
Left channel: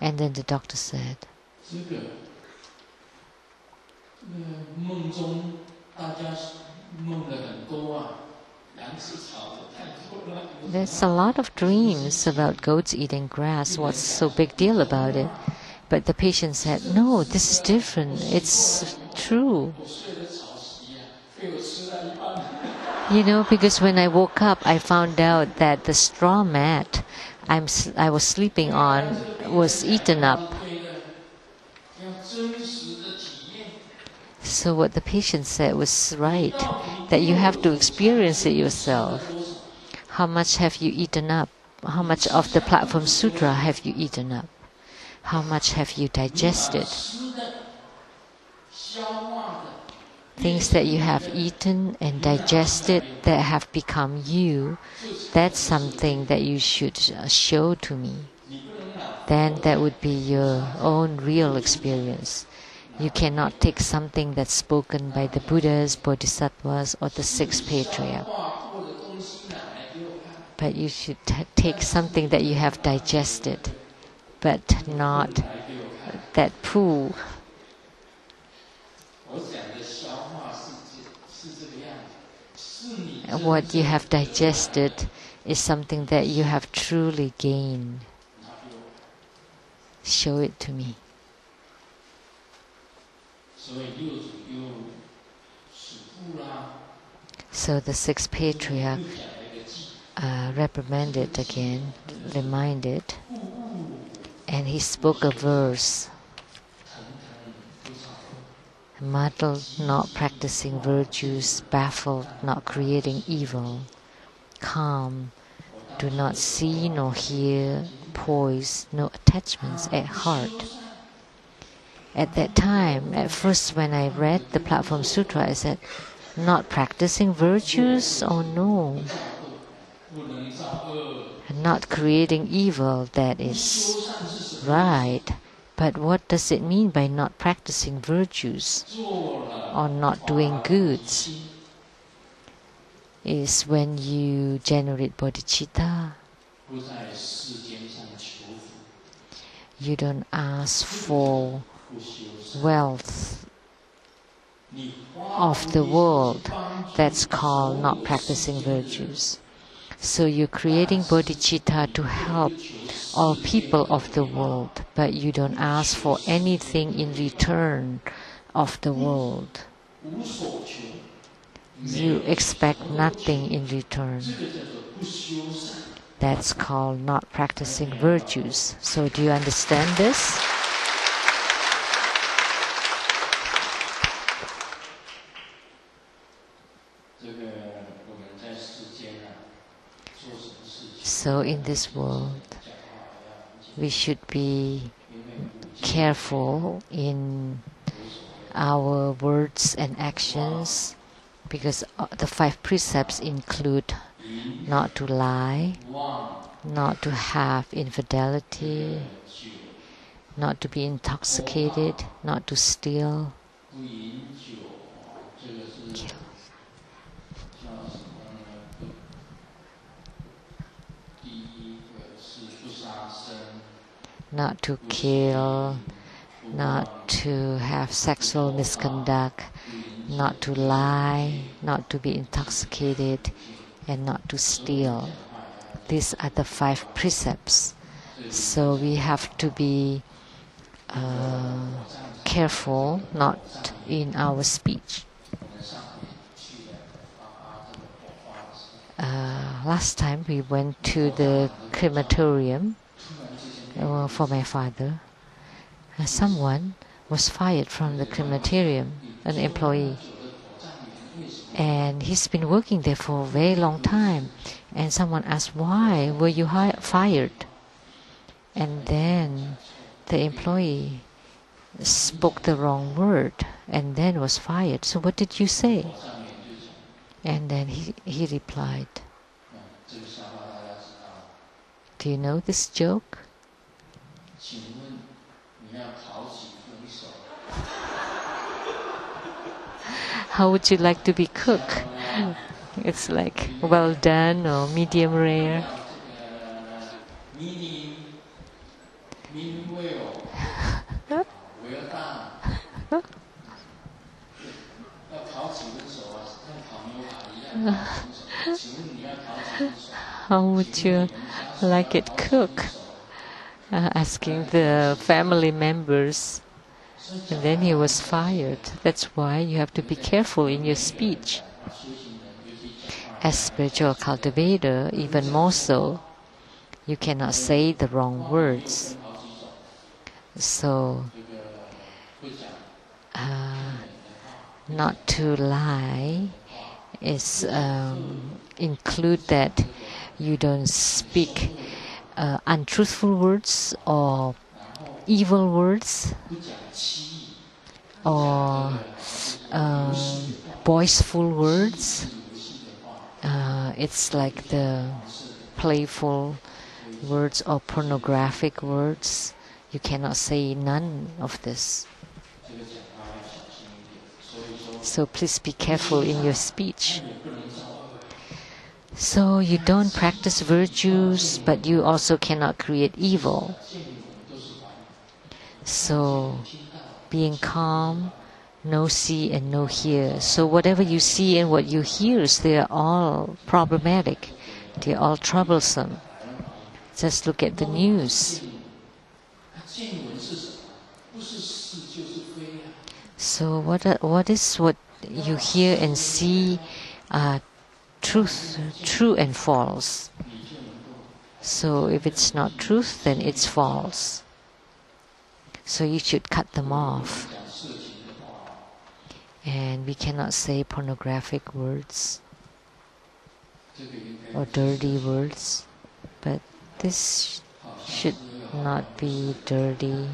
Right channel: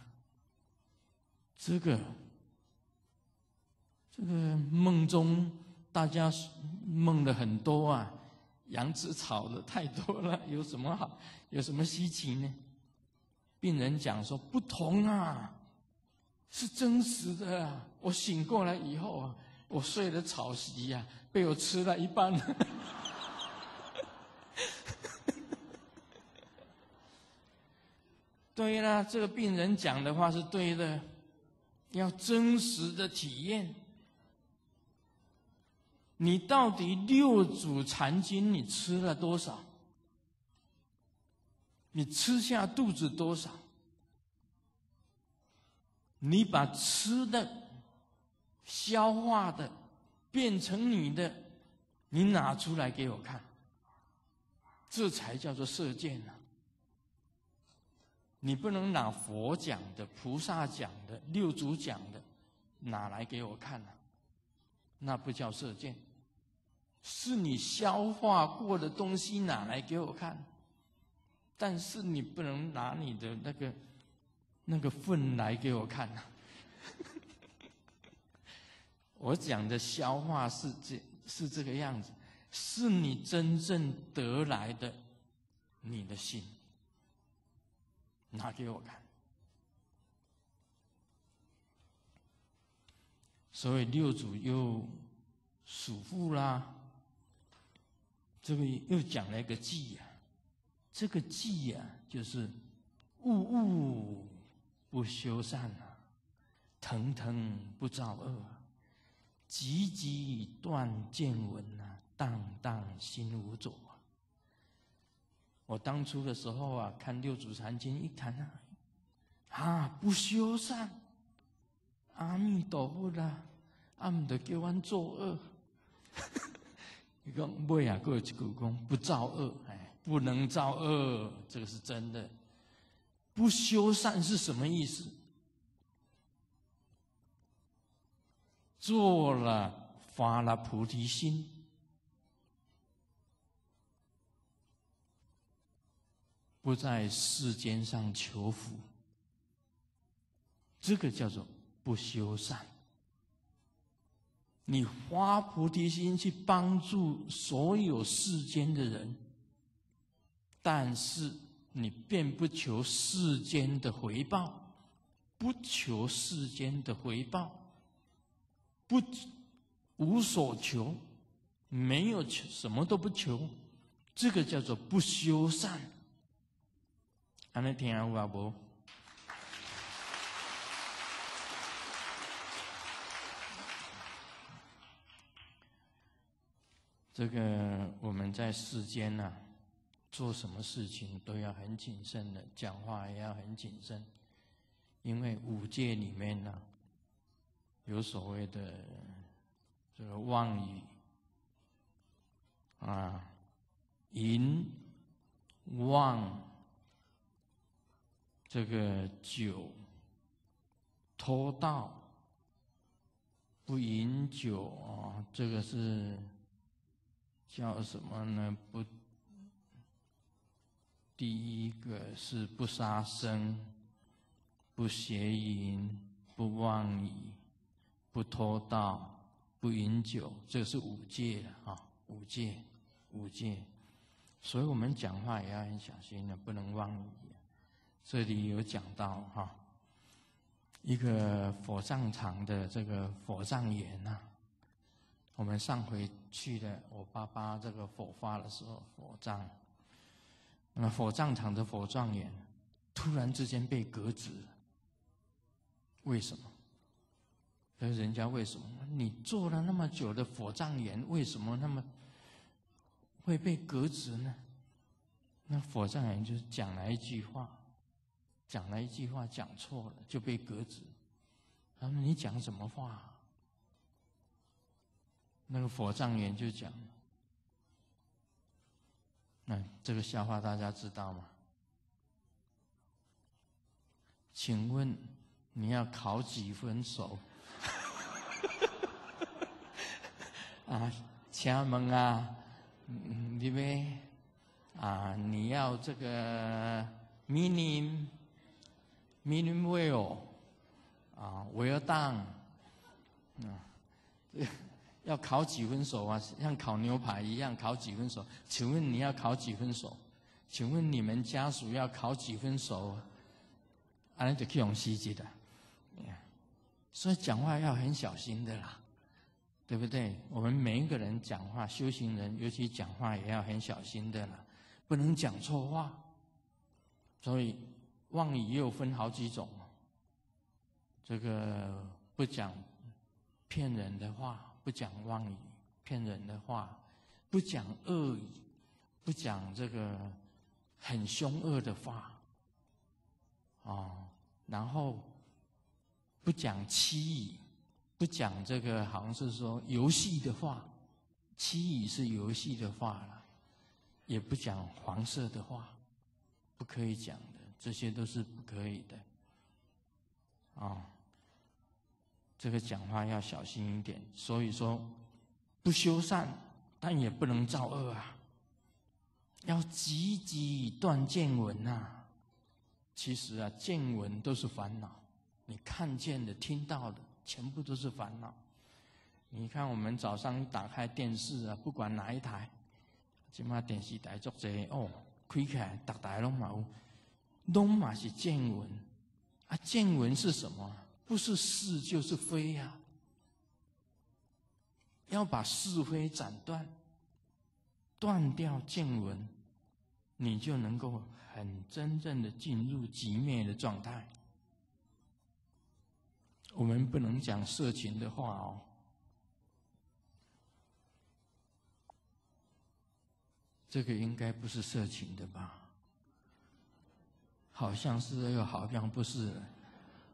And then the doctor said, "There's a lot of dreams about goats eating grass. What's so big deal about it?" But the patient said, "No, this is different. It's true." Because when I woke up, I found out that the straw mat I was sleeping on was eaten up. So what the patient said was right, that you have to experience it yourself. How much have you eaten up? How much of the Platform Sutra have you eaten up? How much have you digested? Things that you have eaten and digested that have become you, that's something that you should show to me. Then that would be your own real experience. You cannot take something that's spoken by the Buddhas, Bodhisattvas, or the six patriarchs. But you should take something that you have digested, but not that poo. What you have digested is something that you have truly gained. Show it to me. So the six patriarchs reprimanded again, reminded, and he spoke a verse. Muddled, not practicing virtues, baffled, not creating evil, calm, do not see nor hear, poised, no attachments at heart. At that time, at first when I read the Platform Sutra, I said, not practicing virtues? Oh no. Not creating evil, that is right. But what does it mean by not practicing virtues or not doing goods? Is when you generate bodhicitta. You don't ask for wealth of the world. That's called not practicing virtues. So you're creating bodhicitta to help all people of the world, but you don't ask for anything in return of the world. You expect nothing in return. That's called not practicing virtues. So do you understand this? So in this world, we should be careful in our words and actions, because the 5 precepts include not to lie, not to have infidelity, not to be intoxicated, not to steal. Not to kill, not to have sexual misconduct, not to lie, not to be intoxicated, and not to steal. These are the 5 precepts. So we have to be careful not in our speech. Last time we went to the crematorium for my father. Someone was fired from the crematorium, an employee. And he's been working there for a very long time. And someone asked, why were you fired? And then the employee spoke the wrong word and then was fired. So what did you say? And then he replied, do you know this joke? How would you like to be cooked? It's like well done or medium rare. How would you like it cooked? Asking the family members. And then he was fired. That's why you have to be careful in your speech. As spiritual cultivator, even more so, you cannot say the wrong words. So, not to lie is include that you don't speak untruthful words or evil words or boastful words. It's like the playful words or pornographic words. You cannot say none of this. So please be careful in your speech. So you don't practice virtues, but you also cannot create evil. So being calm, no see and no hear. So whatever you see and what you hear, they are all problematic. They are all troublesome. Just look at the news. So what is what you hear and see are truth, true and false. So if it's not truth, then it's false. So you should cut them off. And we cannot say pornographic words or dirty words, but this should not be dirty.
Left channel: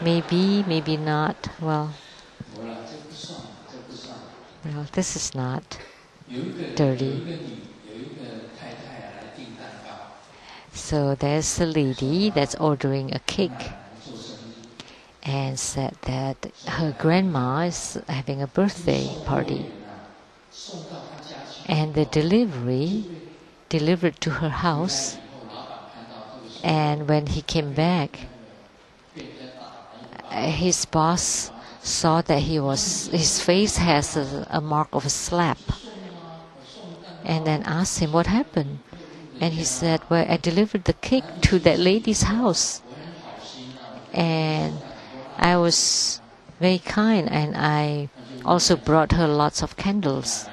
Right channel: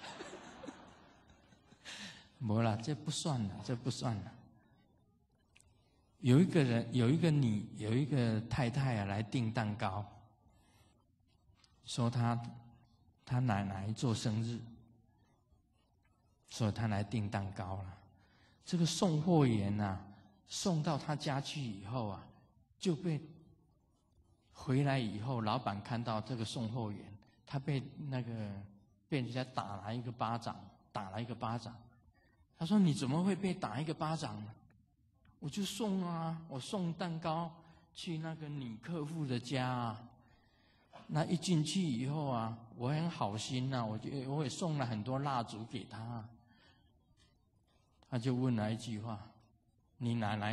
Maybe, maybe not. Well, this is not dirty. So there's a lady that's ordering a cake and said that her grandma is having a birthday party. And the delivery delivered to her house. And when he came back, his boss saw that his face has a mark of a slap. And then asked him what happened. And he said, well, I delivered the cake to that lady's house. And I was very kind, and I also brought her lots of candles.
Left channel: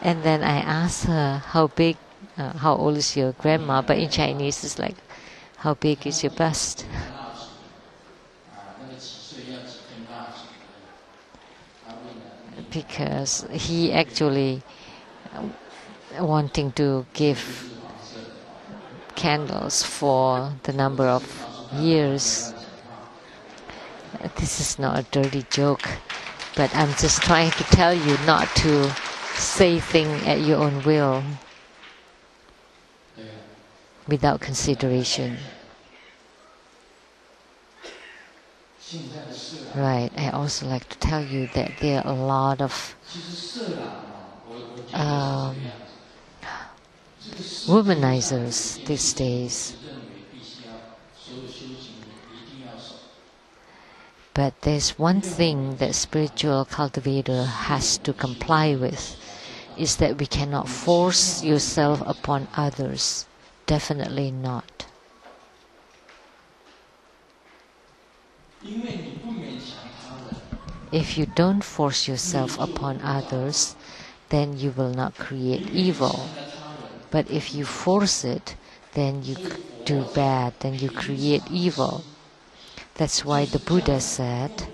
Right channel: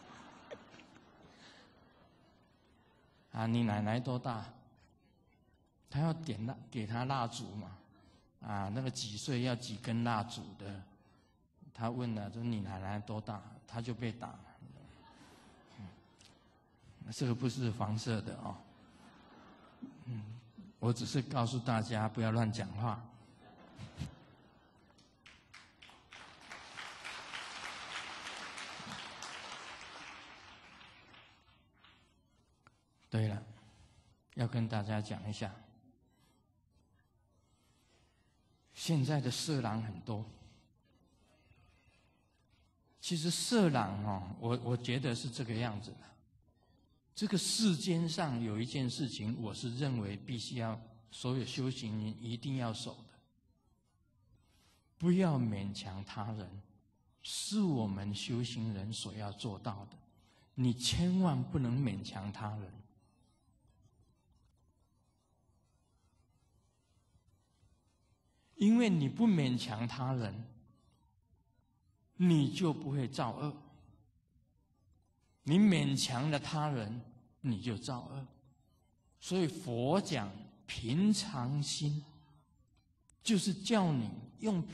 And then I asked her, how old is your grandma? But in Chinese, it's like, how big is your bust? Because he actually wanting to give candles for the number of years. This is not a dirty joke, but I'm just trying to tell you not to say things at your own will without consideration. Right, I also like to tell you that there are a lot of womanizers these days. But there's one thing that spiritual cultivator has to comply with, is that we cannot force yourself upon others. Definitely not. If you don't force yourself upon others, then you will not create evil. But if you force it, then you do bad, then you create evil. That's why the Buddha said,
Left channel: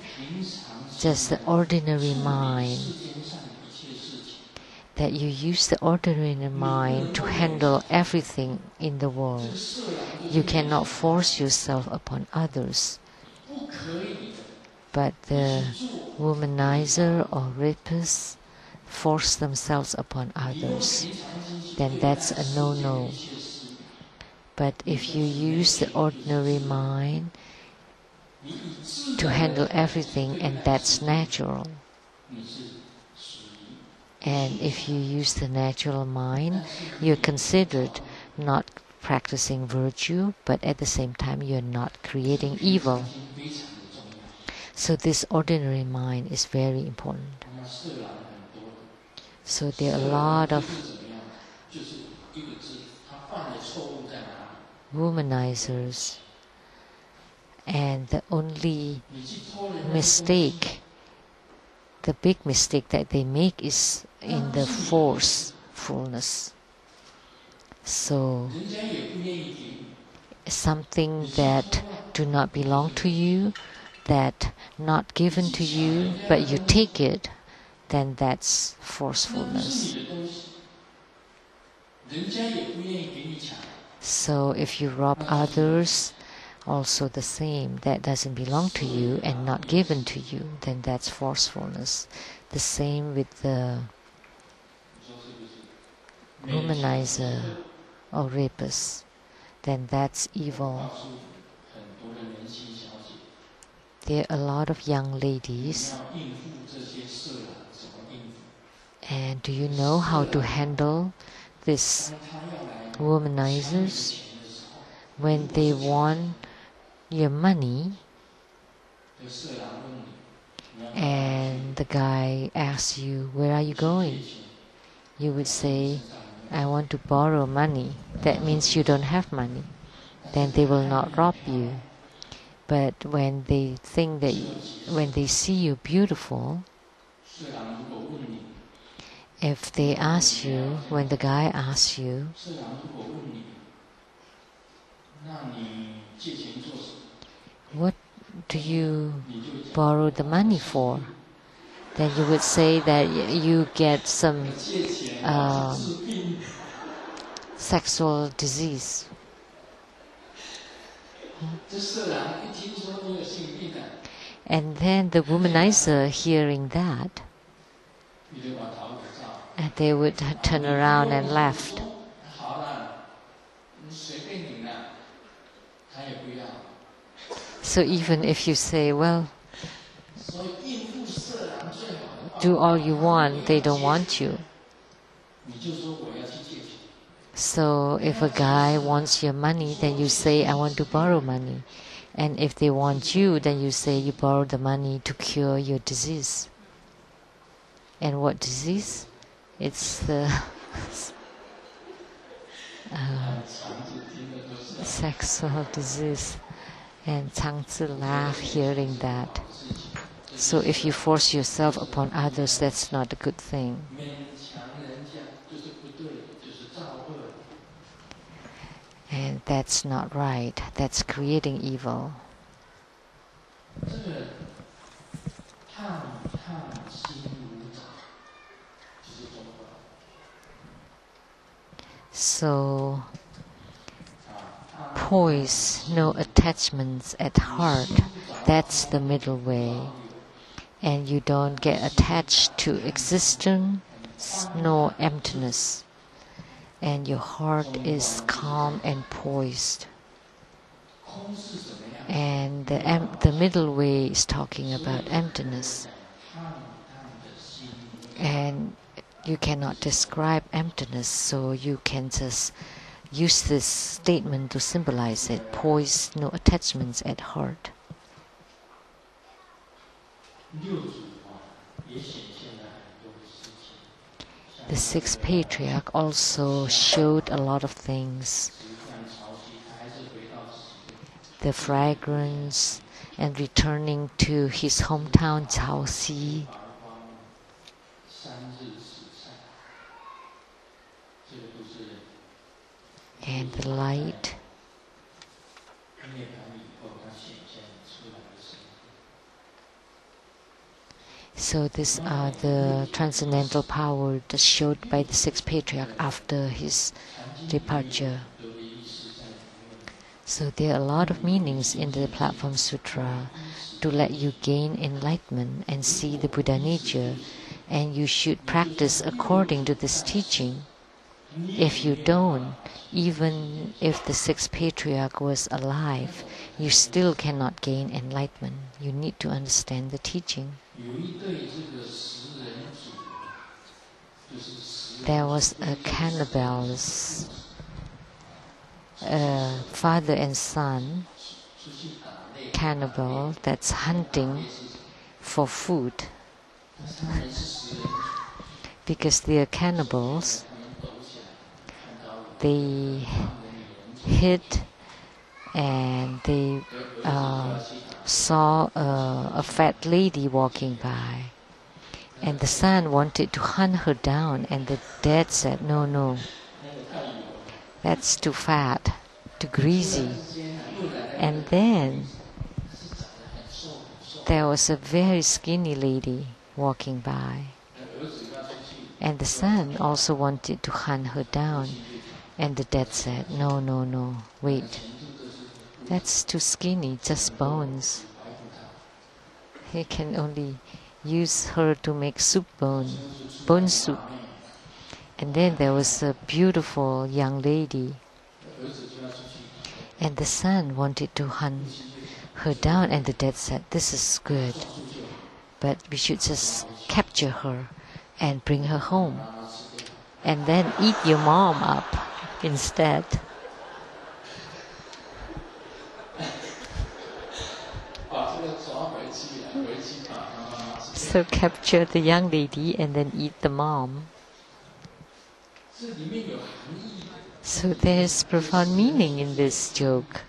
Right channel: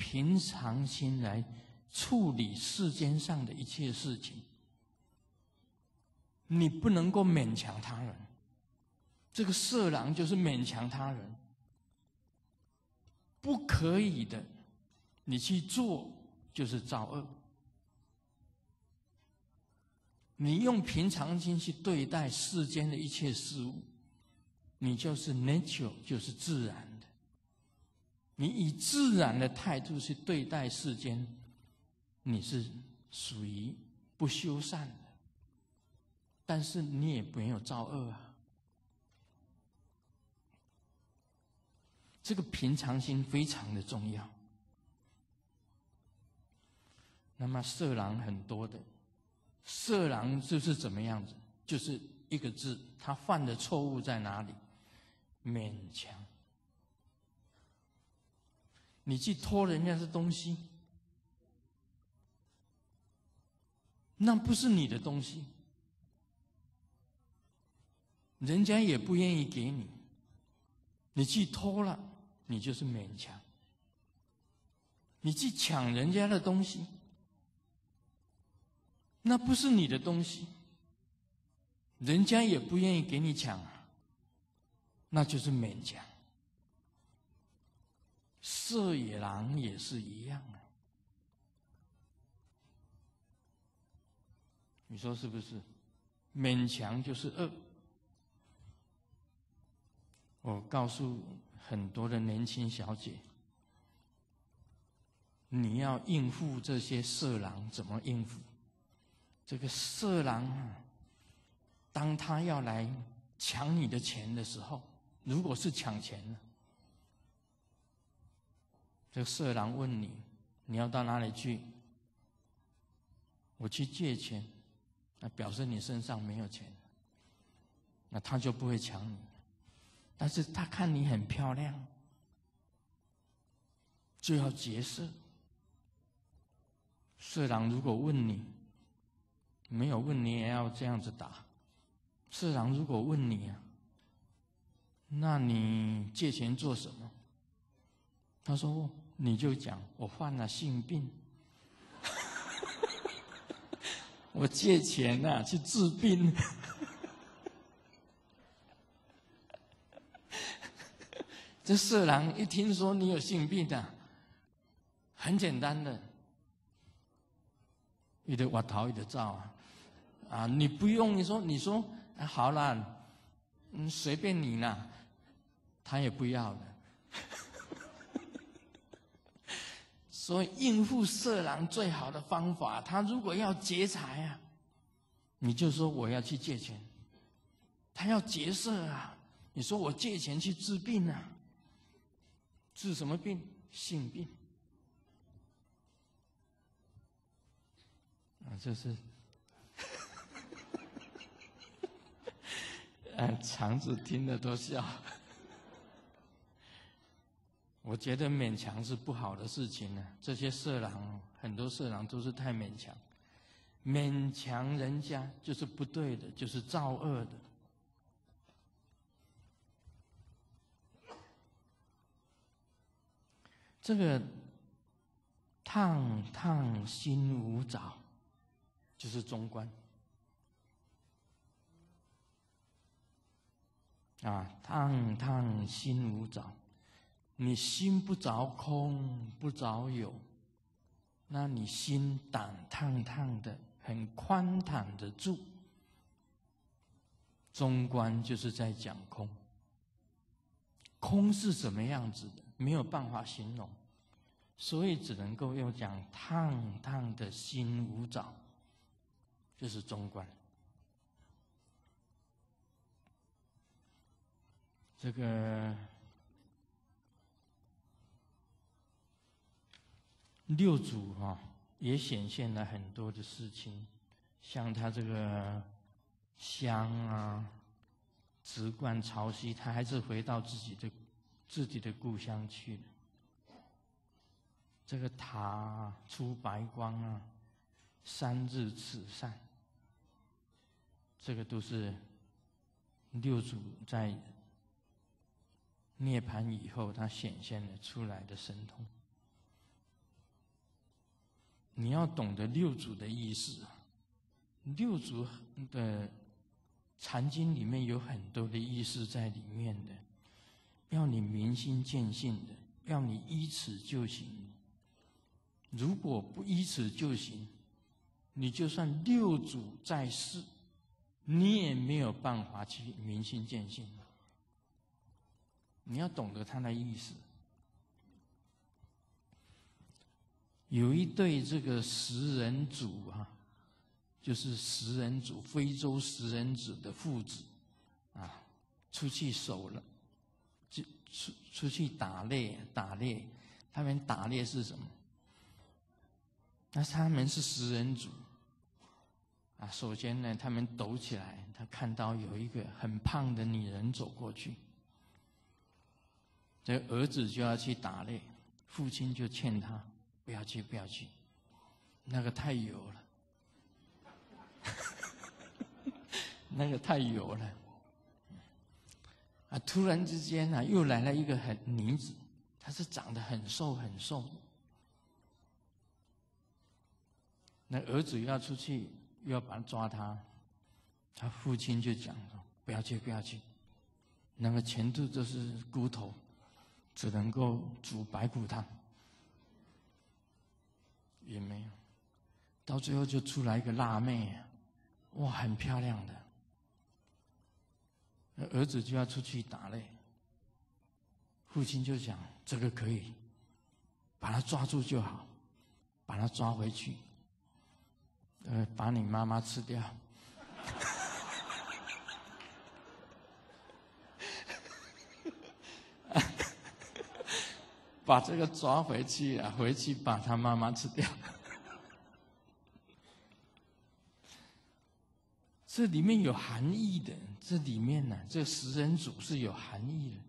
just the ordinary mind, that you use the ordinary mind to handle everything in the world. You cannot force yourself upon others. But the womanizer or rapists force themselves upon others, then that's a no-no. But if you use the ordinary mind to handle everything, and that's natural. And if you use the natural mind, you're considered not practicing virtue, but at the same time you're not creating evil. So this ordinary mind is very important. So there are a lot of womanizers, and the only mistake, the big mistake that they make is in the forcefulness. So something that do not belong to you, that not given to you, but you take it, then that's forcefulness. So if you rob others, also the same, that doesn't belong to you and not given to you, then that's forcefulness. The same with the womanizer or rapist, then that's evil. There are a lot of young ladies, and do you know how to handle these womanizers? When they want your money, and the guy asks you, where are you going? You would say, I want to borrow money. That means you don't have money. Then they will not rob you. But when they think that, when they see you beautiful, if they ask you, when the guy asks you, what do you borrow the money for? Then you would say that you get some sexual disease. And then the womanizer, hearing that, and they would turn around and laugh. So even if you say, well, do all you want, they don't want you. So if a guy wants your money, then you say, I want to borrow money. And if they want you, then you say you borrow the money to cure your disease. And what disease? It's the sexual disease. And Tsang laughed hearing that. So if you force yourself upon others, that's not a good thing. And that's not right. That's creating evil. So, poise, no attachments at heart, that's the middle way. And you don't get attached to existence, no emptiness. And your heart is calm and poised. And the middle way is talking about emptiness. And you cannot describe emptiness, so you can just use this statement to symbolize it. Poise, no attachments at heart. The sixth patriarch also showed a lot of things. The fragrance and returning to his hometown Chaoxi. And the light. So these are the transcendental power that's showed by the sixth patriarch after his departure. So there are a lot of meanings in the Platform Sutra to let you gain enlightenment and see the Buddha nature, and you should practice according to this teaching. If you don't, even if the sixth patriarch was alive, you still cannot gain enlightenment. You need to understand the teaching. There was a cannibals, father and son, cannibal that's hunting for food. Because they are cannibals, they hid and they saw a fat lady walking by. And the son wanted to hunt her down, and the dad said, "No, no, that's too fat, too greasy." And then there was a very skinny lady walking by. And the son also wanted to hunt her down. And the dad said, "No, no, no, wait. That's too skinny, just bones. He can only use her to make soup bone soup." And then there was a beautiful young lady. And the son wanted to hunt her down, and the dad said, "This is good, but we should just capture her and bring her home, and then eat your mom up instead." So capture the young lady and then eat the mom. So there's profound meaning in this joke.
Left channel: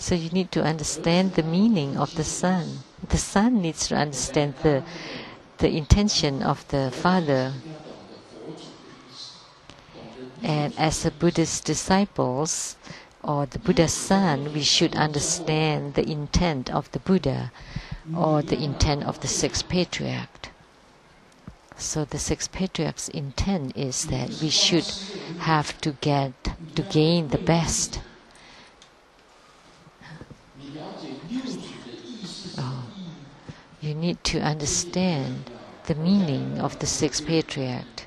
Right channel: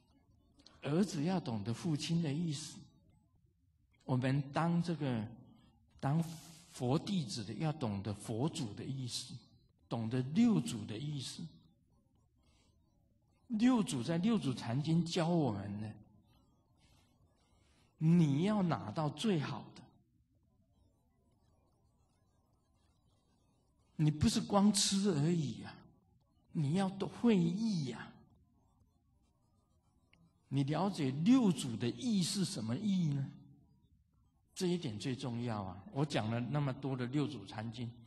So you need to understand the meaning of the son. The son needs to understand the intention of the father. And as a Buddhist disciples, or the Buddha's son, we should understand the intent of the Buddha, or the intent of the sixth patriarch. So the sixth patriarch's intent is that we should have to gain the best. You need to understand the meaning of the sixth patriarch.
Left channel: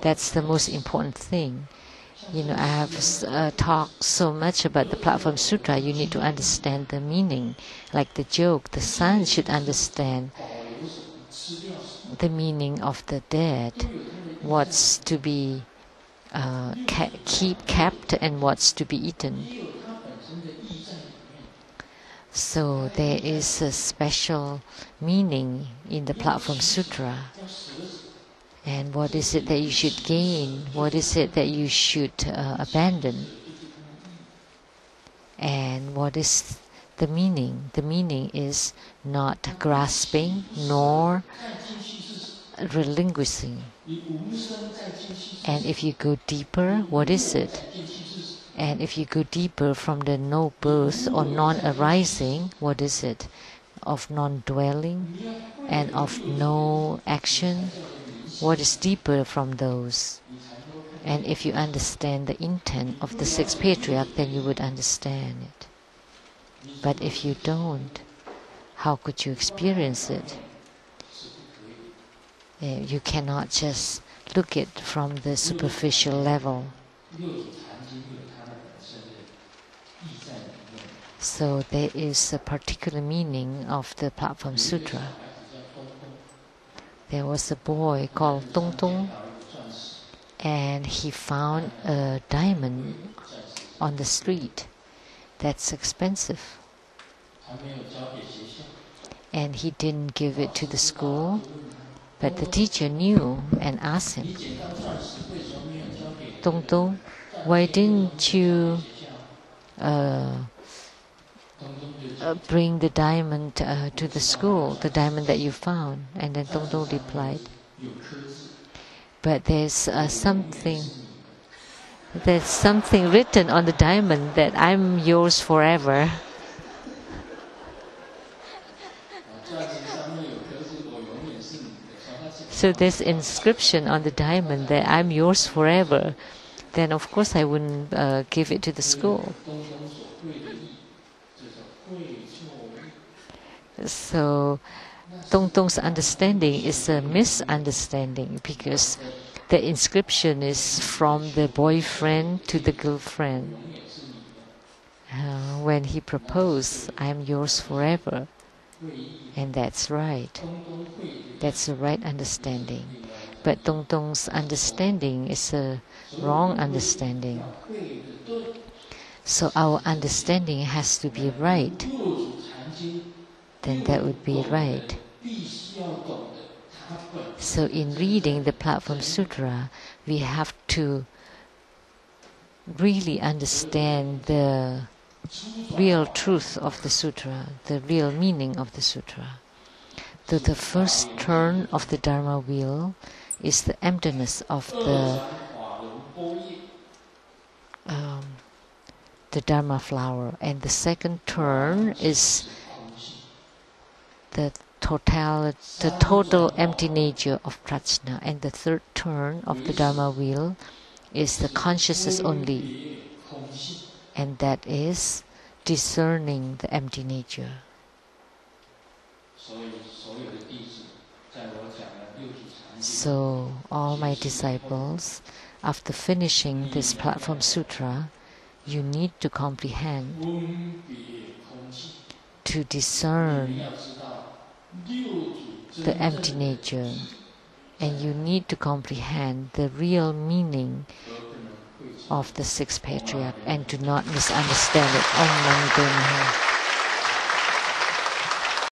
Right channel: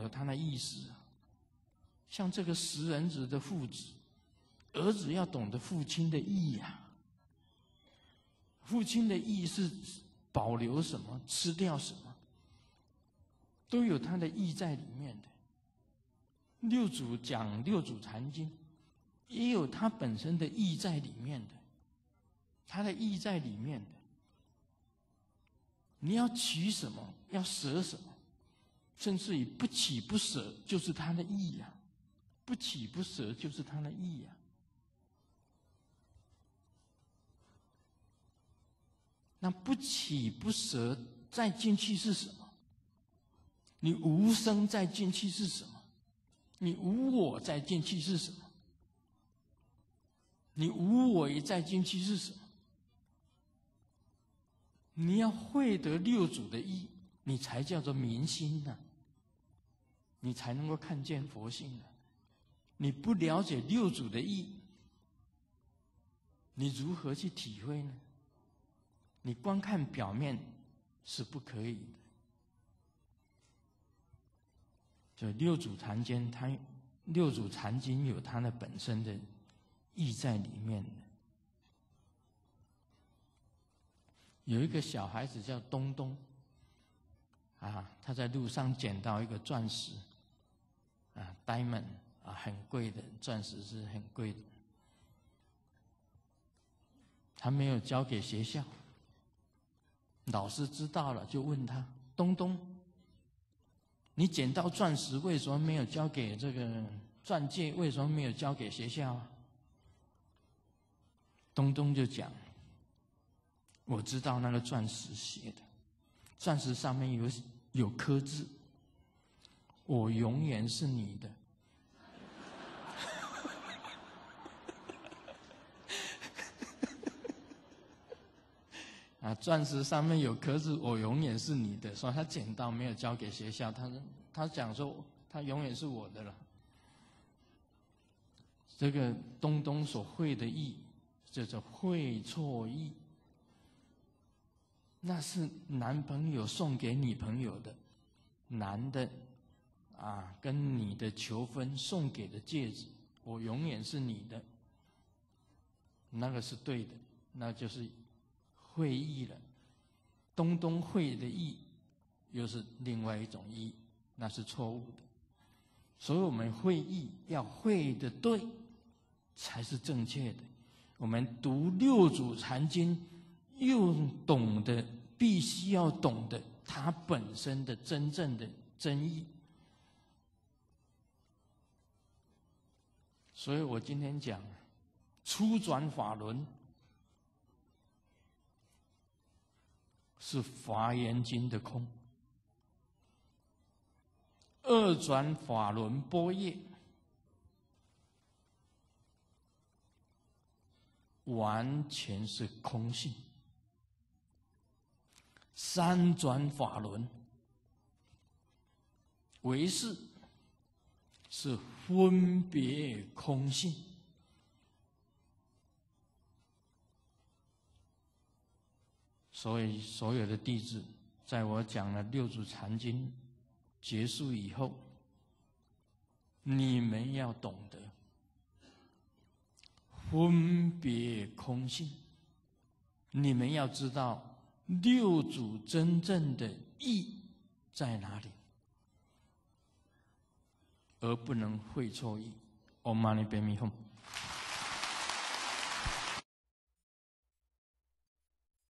That's the most important thing. You know, I have talked so much about the Platform Sutra. You need to understand the meaning. Like the joke, the son should understand the meaning of the dead, what's to be kept and what's to be eaten. So there is a special meaning in the Platform Sutra. And what is it that you should gain? What is it that you should abandon? And what is the meaning? The meaning is not grasping nor relinquishing. And if you go deeper, what is it? And if you go deeper from the no birth or non-arising, what is it? Of non-dwelling and of no action, what is deeper from those? And if you understand the intent of the sixth patriarch, then you would understand it. But if you don't, how could you experience it? You cannot just look at it from the superficial level. So there is a particular meaning of the Platform Sutra. There was a boy called Dong Dong, and he found a diamond on the street that's expensive. And he didn't give it to the school, but the teacher knew and asked him, Dong Dong, why didn't you bring the diamond to the school, the diamond that you found? And then Dong Dong replied, but there's something written on the diamond that I'm yours forever. So there's inscription on the diamond that I'm yours forever. Then of course I wouldn't give it to the school. So Dong Dong's understanding is a misunderstanding, because the inscription is from the boyfriend to the girlfriend. When he proposed, I'm yours forever. And that's right. That's the right understanding. But Dong Dong's understanding is a wrong understanding. So our understanding has to be right. Then that would be right. So in reading the Platform Sutra, we have to really understand the real truth of the sutra, the real meaning of the sutra. So the first turn of the Dharma wheel is the emptiness of the Dharma flower, and the second turn is the total empty nature of prajna, and the third turn of the Dharma wheel is the consciousness only, and that is discerning the empty nature. So all my disciples, after finishing this Platform Sutra, you need to comprehend, to discern the empty nature, and you need to comprehend the real meaning of the sixth patriarch and do not misunderstand it. Om Mani Padme Hum.